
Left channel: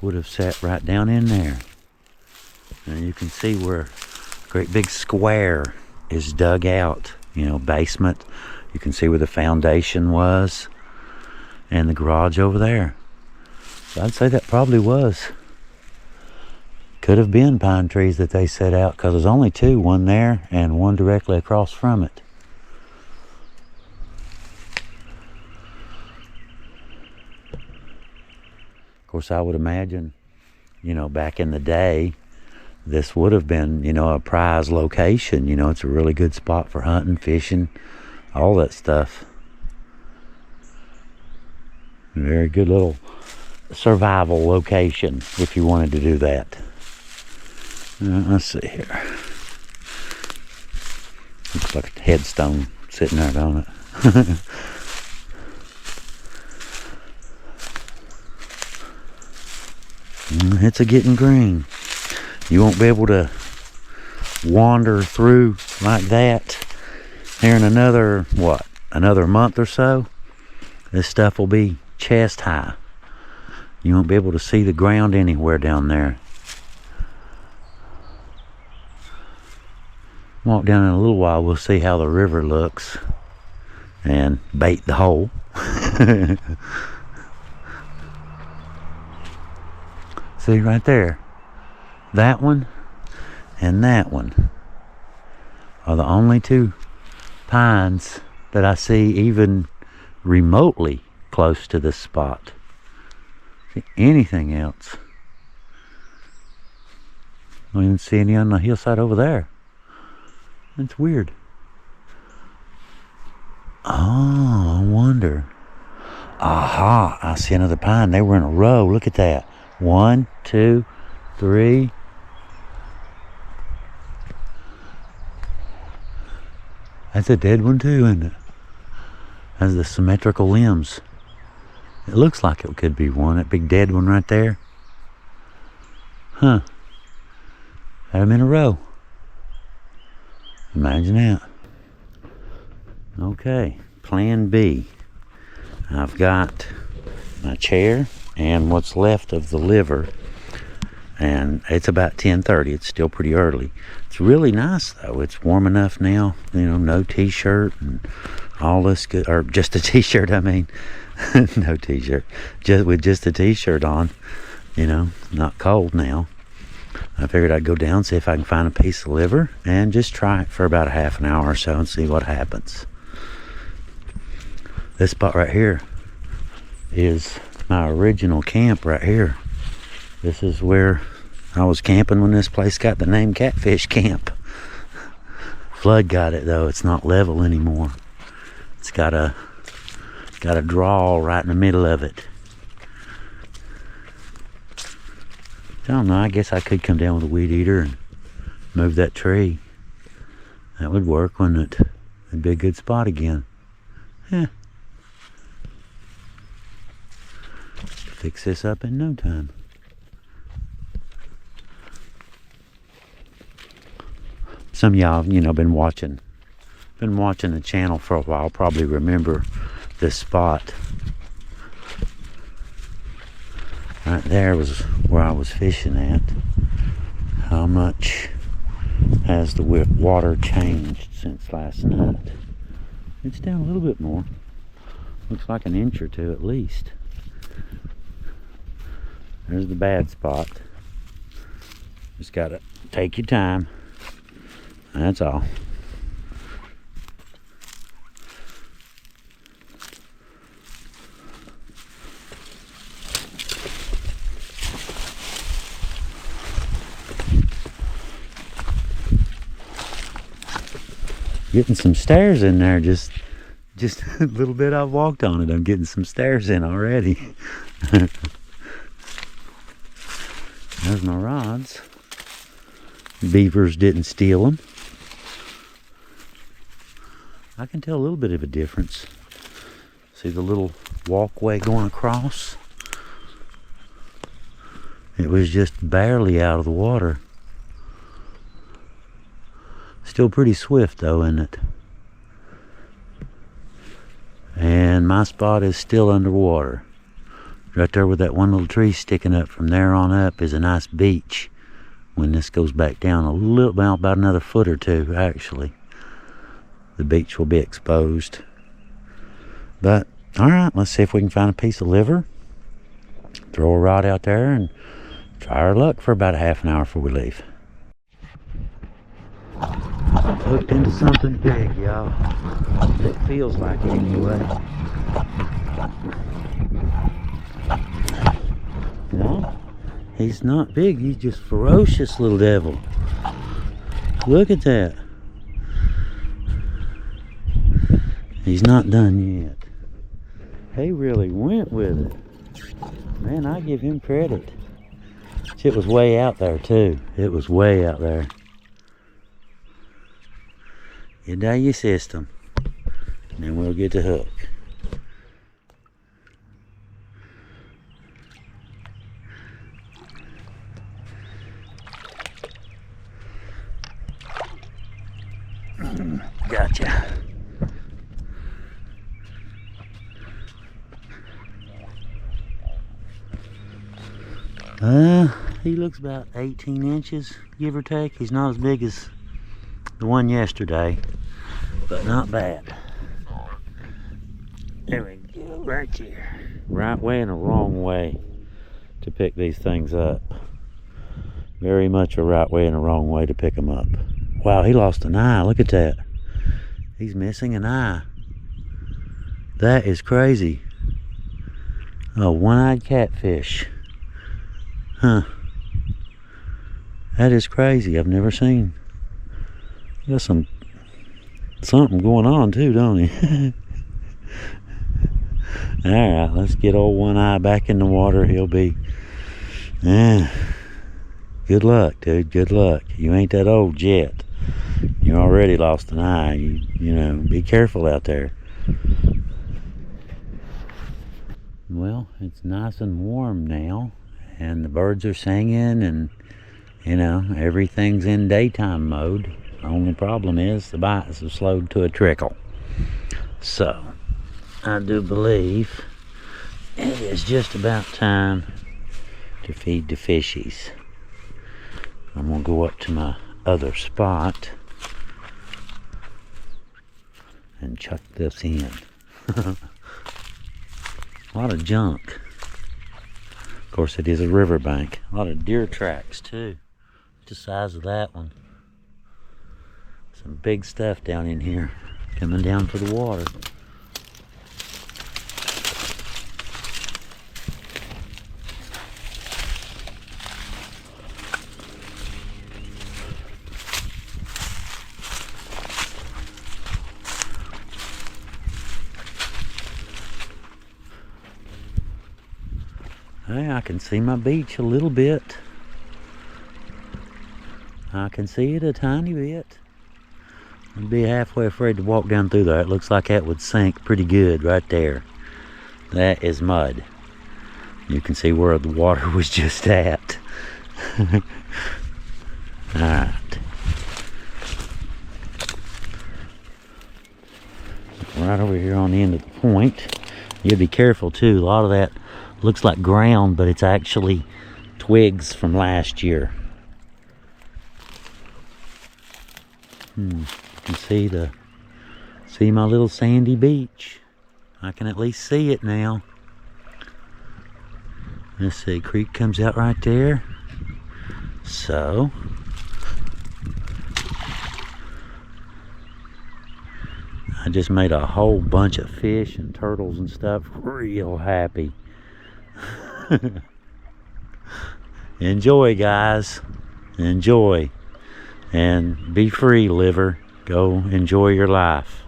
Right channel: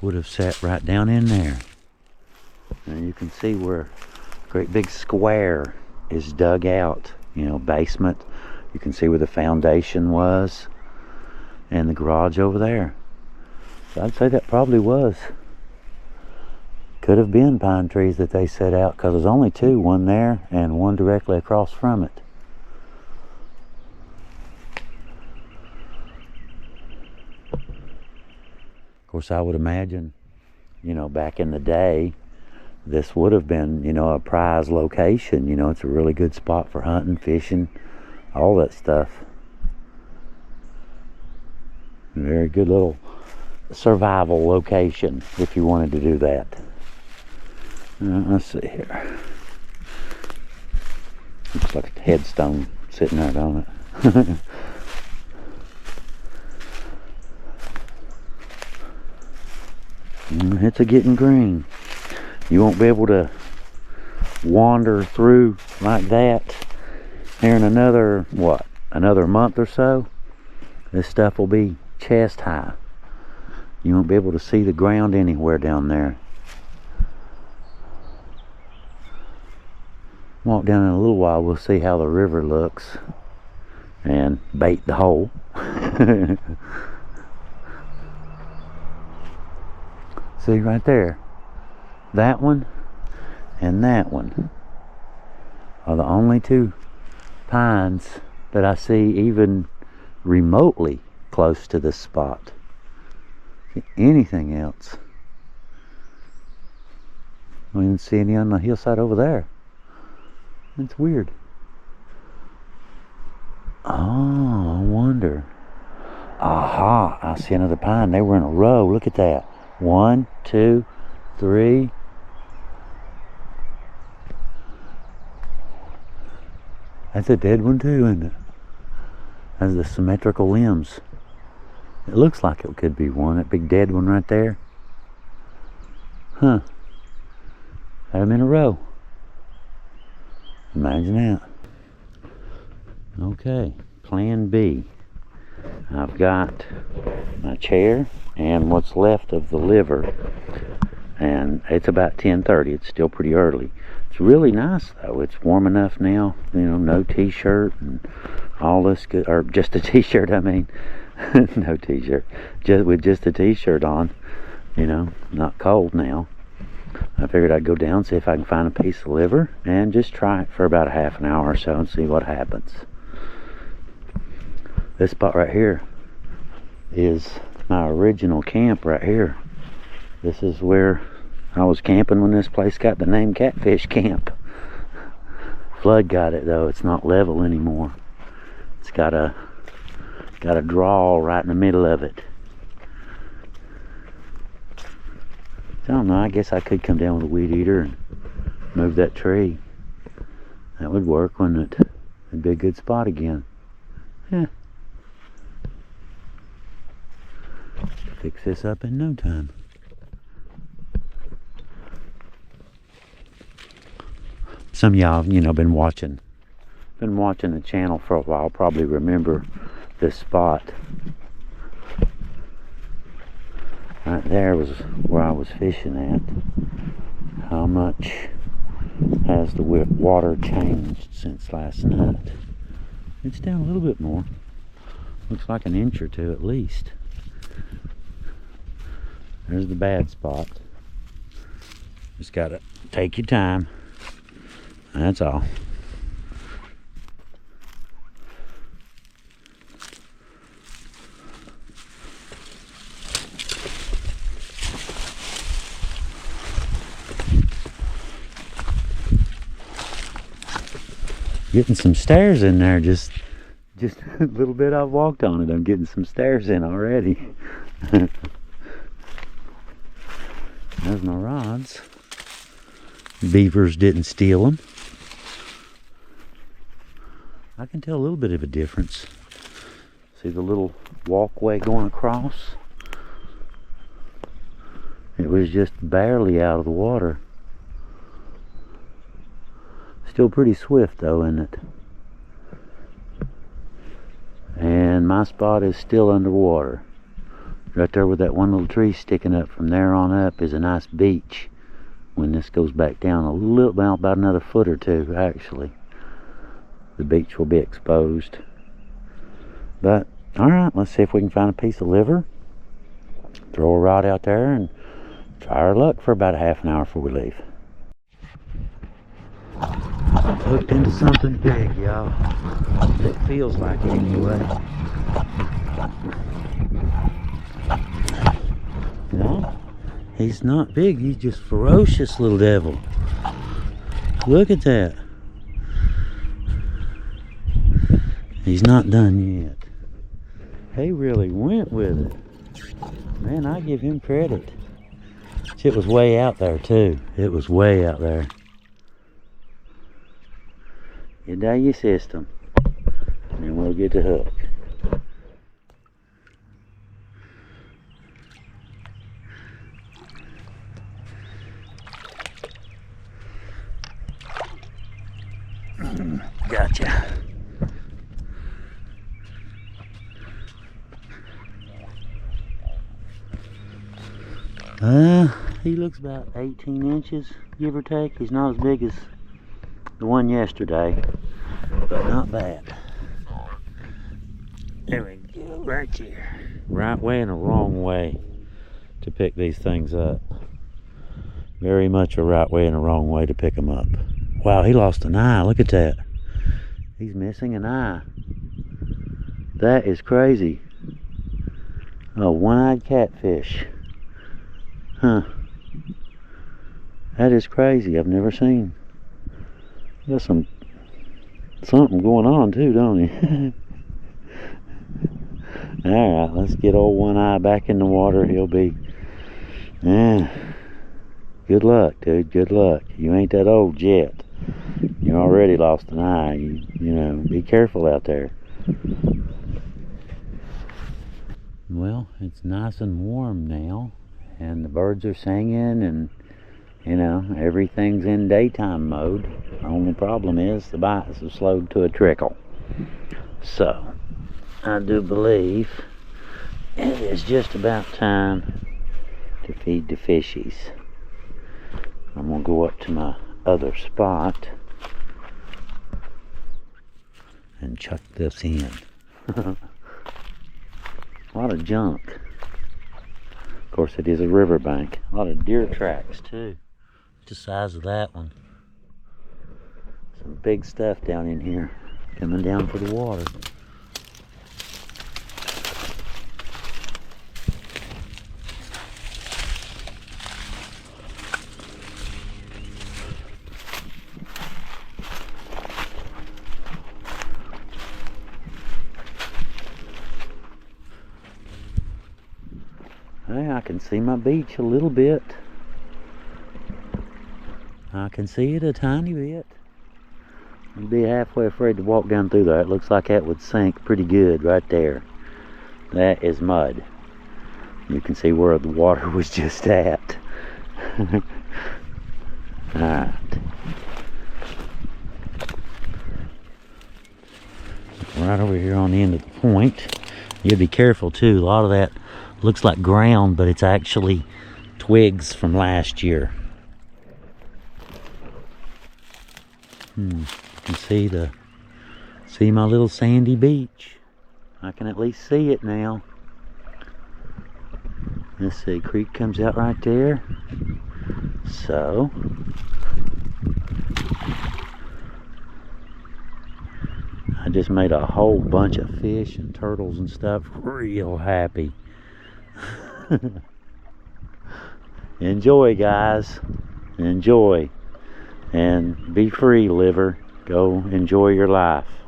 would have sat right down in there. And you can see where a great big square is dug out, basement. You can see where the foundation was and the garage over there. So I'd say that probably was. Could have been pine trees that they set out, because there's only two, one there and one directly across from it. Of course, I would imagine, back in the day, this would have been, a prize location. It's a really good spot for hunting, fishing, all that stuff. A very good little survival location if you wanted to do that. Let's see here. Looks like a headstone sitting there, don't it? It's a getting green. You won't be able to wander through like that here in another, what, another month or so. This stuff will be chest high. You won't be able to see the ground anywhere down there. Walk down in a little while, we'll see how the river looks and bait the hole. See right there, that one and that one are the only two pines that I see even remotely close to this spot. See anything else? I don't even see any on the hillside over there. It's weird. Oh, I wonder. Aha, I see another pine. They were in a row. Look at that. 1, 2, 3. That's a dead one too, isn't it? Has the symmetrical limbs. It looks like it could be one. That big dead one right there. Huh. Had them in a row. Imagine that. Okay, plan B. I've got my chair and what's left of the liver, and it's about 10:30. It's still pretty early. It's really nice though. It's warm enough now, you know, no t-shirt and all this good, or just a t-shirt, I mean. No t-shirt, just with just a t-shirt on, you know, not cold now. I figured I'd go down, see if I can find a piece of liver and just try it for about a half an hour or so and see what happens. This spot right here is my original camp right here. This is where I was camping when this place got the name Catfish Camp. Flood got it though. It's not level anymore. It's got a draw right in the middle of it. I don't know, I guess I could come down with a weed eater and move that tree. That would work, wouldn't it? It'd be a good spot again. Yeah. Fix this up in no time. Some of y'all, you know, been watching the channel for a while, probably remember this spot. Right there was where I was fishing at. How much has the water changed since last night? It's down a little bit more. Looks like an inch or two at least. There's the bad spot. Just gotta take your time. That's all. Getting some stairs in there, just a little bit I've walked on it. I'm getting some stairs in already. There's my rods. Beavers didn't steal them. I can tell a little bit of a difference. See the little walkway going across? It was just barely out of the water. Still pretty swift though, isn't it? And my spot is still underwater. Right there with that one little tree sticking up, from there on up is a nice beach. When this goes back down a little, about another foot or two actually, the beach will be exposed. But alright, let's see if we can find a piece of liver. Throw a rod out there and try our luck for about a half an hour before we leave. Hooked into something big, y'all. It feels like it anyway. No, he's not big. He's just ferocious little devil. Look at that. He's not done yet. He really went with it. Man, I give him credit. It was way out there too. It was way out there. Get out your system, and then we'll get the hook. gotcha. He looks about 18 inches, give or take. He's not as big as the one yesterday, but not bad. There we go, right here. Right way and a wrong way to pick these things up. Very much a right way and a wrong way to pick them up. Wow, he lost an eye. Look at that. He's missing an eye. That is crazy. A one-eyed catfish. Huh. That is crazy. I've never seen. Got something going on too, don't he? Alright, let's get old One Eye back in the water. He'll be... good luck, dude. Good luck. You ain't that old yet. You already lost an eye. You know, be careful out there. Well, it's nice and warm now, and the birds are singing, and you know, everything's in daytime mode. The only problem is the bites have slowed to a trickle. So, I do believe it is just about time to feed the fishies. I'm gonna go up to my other spot and chuck this in. A lot of junk. Of course, it is a riverbank. A lot of deer tracks too. The size of that one. Some big stuff down in here coming down for the water. Hey, I can see my beach a little bit. I can see it a tiny bit. I'd be halfway afraid to walk down through there. It looks like that would sink pretty good right there. That is mud. You can see where the water was just at. Alright. Right over here on the end of the point. You be careful too. A lot of that looks like ground, but it's actually twigs from last year. You can see my little sandy beach. I can at least see it now. Let's see, creek comes out right there. So I just made a whole bunch of fish and turtles and stuff real happy. Enjoy, guys. Enjoy. And be free, liver. Go enjoy your life.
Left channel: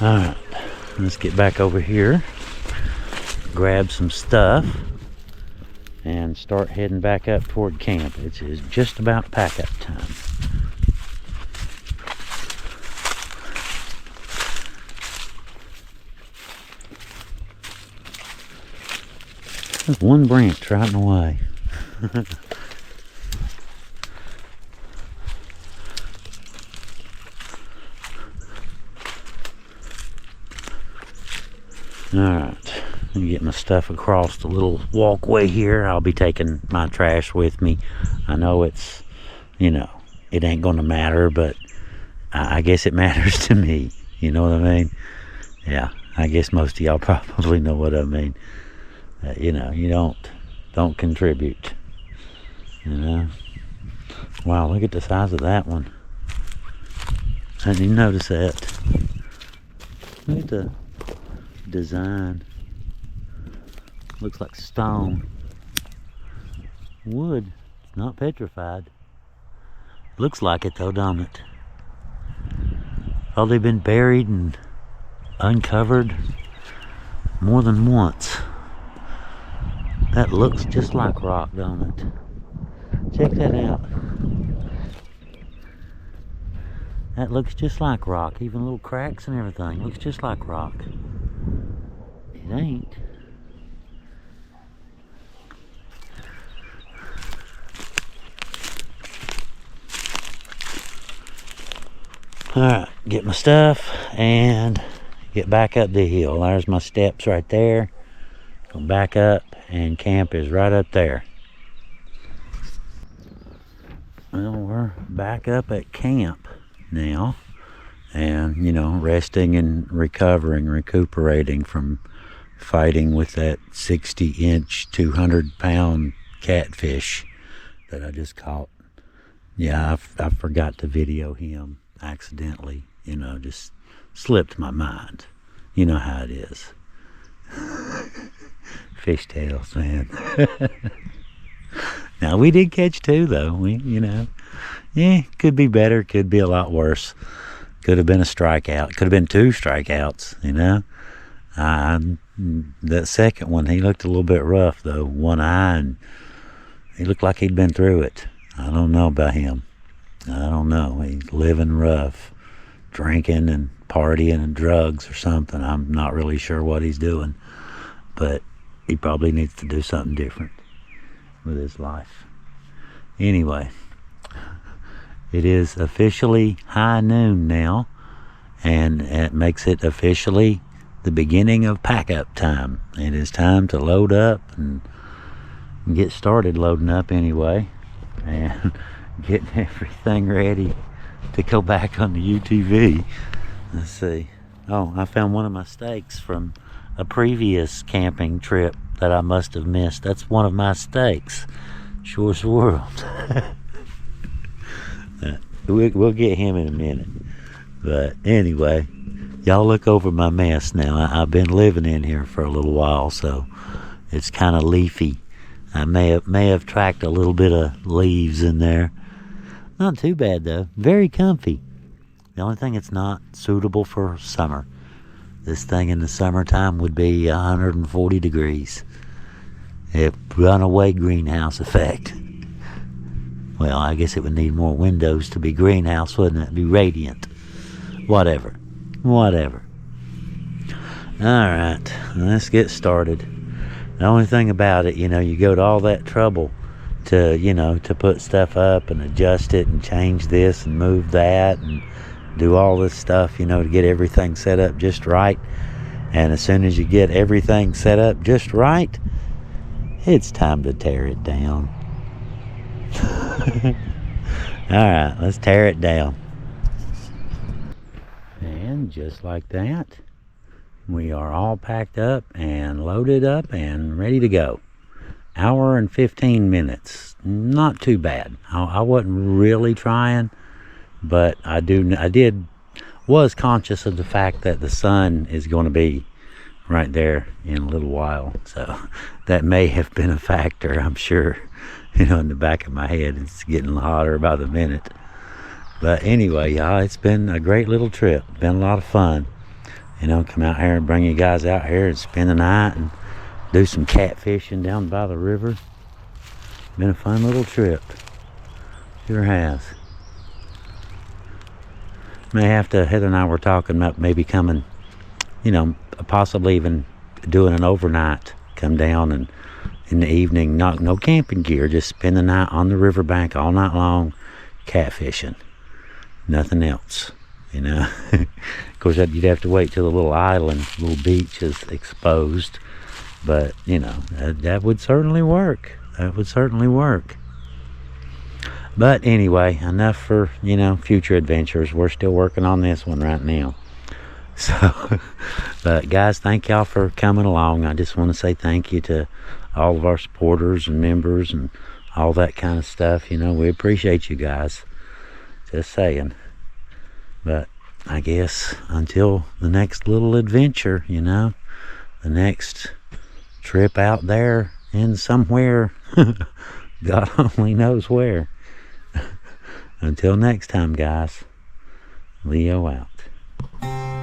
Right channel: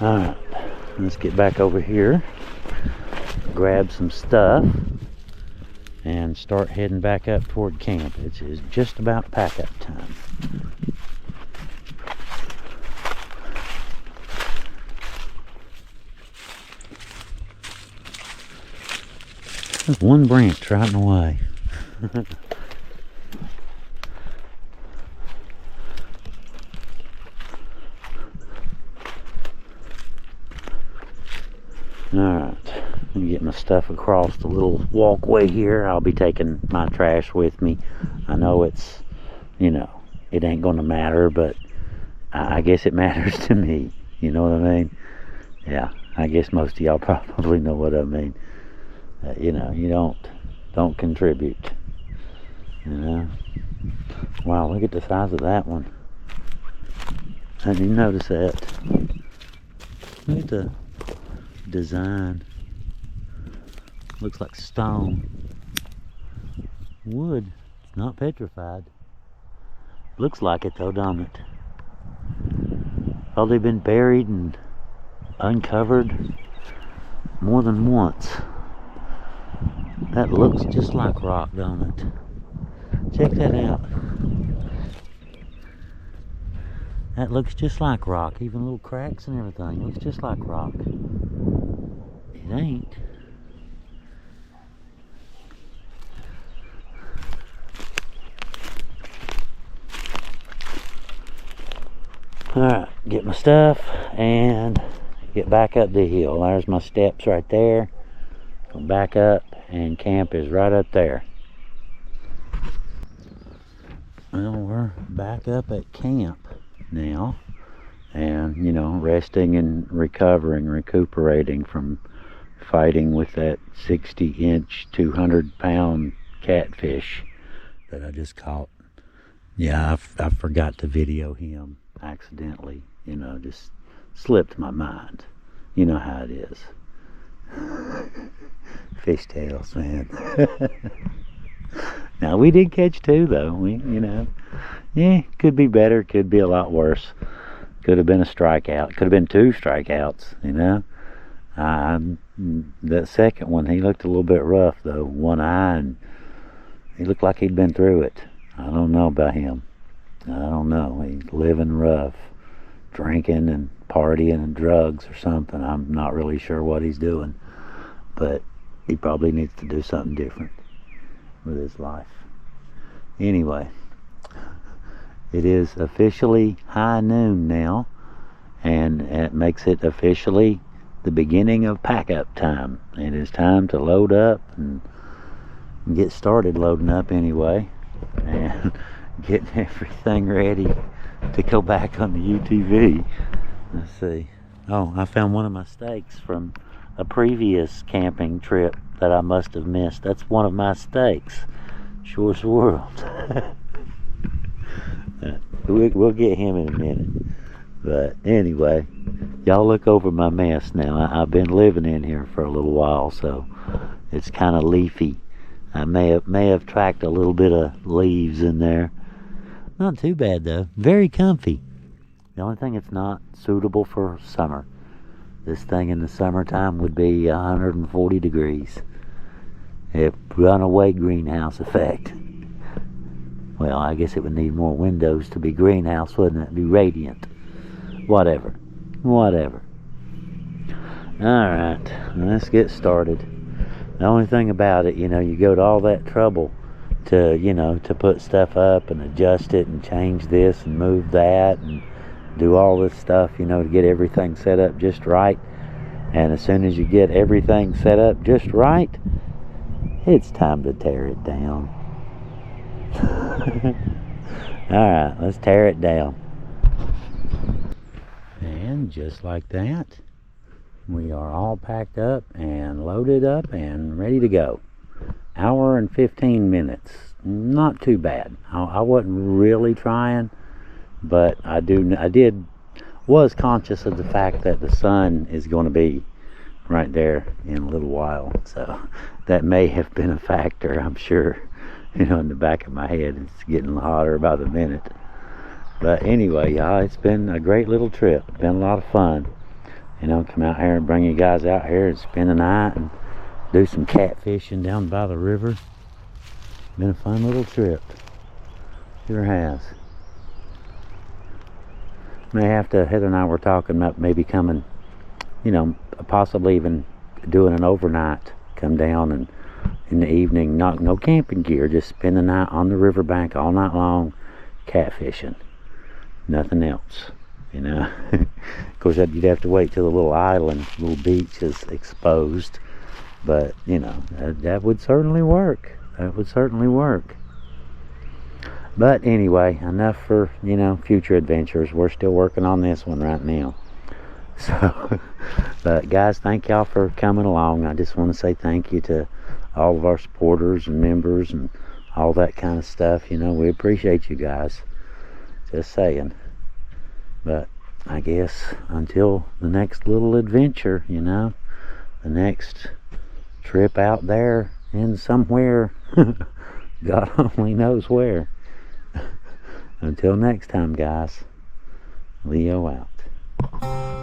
Alright, let's get back over here, grab some stuff, and start heading back up toward camp. It's just about pack up time. There's one branch right in the way. Alright, let me get my stuff across the little walkway here. I'll be taking my trash with me. I know it's, you know, it ain't gonna matter, but I guess it matters to me. You know what I mean? Yeah, I guess most of y'all probably know what I mean. You know, you don't contribute. You know? Wow, look at the size of that one. I didn't even notice that. Look at the design. Looks like stone. Wood. It's not petrified. Looks like it though, don't it? Oh, they've been buried and uncovered more than once. That looks just like rock, don't it? Check that out. That looks just like rock. Even little cracks and everything. Looks just like rock. It ain't. Alright, get my stuff and get back up the hill. There's my steps right there. Go back up, and camp is right up there. Well, we're back up at camp now, and you know, resting and recuperating from fighting with that 60-inch 200-pound catfish that I just caught. Yeah, I forgot to video him accidentally, you know, just slipped my mind. You know how it is. Fishtails, man. Now, we did catch 2 though. We, you know, yeah, could be better, could be a lot worse. Could have been a strikeout, could have been 2 strikeouts, you know. That second one, he looked a little bit rough though, one eye, and he looked like he'd been through it. I don't know about him. I don't know. He's living rough, drinking and partying and drugs or something. I'm not really sure what he's doing, but he probably needs to do something different with his life. Anyway, it is officially high noon now, and it makes it officially the beginning of pack-up time. It is time to load up and get started loading up anyway, and getting everything ready to go back on the UTV. Let's see. Oh, I found one of my steaks from a previous camping trip that I must have missed. That's one of my steaks. Shorest world. We'll get him in a minute. But anyway, y'all look over my mess now. I've been living in here for a little while, so it's kind of leafy. I may have tracked a little bit of leaves in there. Not too bad though. Very comfy. The only thing it's not suitable for summer. This thing in the summertime would be 140 degrees. A runaway greenhouse effect. Well, I guess it would need more windows to be greenhouse, wouldn't it? Be radiant. Whatever. Alright, let's get started. The only thing about it, you know, you go to all that trouble to, you know, to put stuff up and adjust it and change this and move that and do all this stuff, you know, to get everything set up just right. And as soon as you get everything set up just right, it's time to tear it down. Alright, let's tear it down. And just like that, we are all packed up and loaded up and ready to go. Hour and 15 minutes. Not too bad. I wasn't really trying, but I was conscious of the fact that the sun is going to be right there in a little while. So that may have been a factor, I'm sure. You know, in the back of my head, it's getting hotter by the minute. But anyway, y'all, it's been a great little trip. Been a lot of fun. You know, come out here and bring you guys out here and spend the night and do some catfishing down by the river. Been a fun little trip. Sure has. May have to, Heather and I were talking about maybe coming, you know, possibly even doing an overnight. Come down and in the evening, no camping gear, just spend the night on the riverbank all night long, catfishing. Nothing else, you know. Of course, you'd have to wait till the little island, little beach is exposed. But, you know, that would certainly work. That would certainly work. But anyway, enough for, you know, future adventures. We're still working on this one right now. So, but guys, thank y'all for coming along. I just want to say thank you to all of our supporters and members and all that kind of stuff. You know, we appreciate you guys. Just saying. But I guess until the next little adventure, you know, the next trip out there in somewhere, God only knows where. Until next time, guys, Leo out.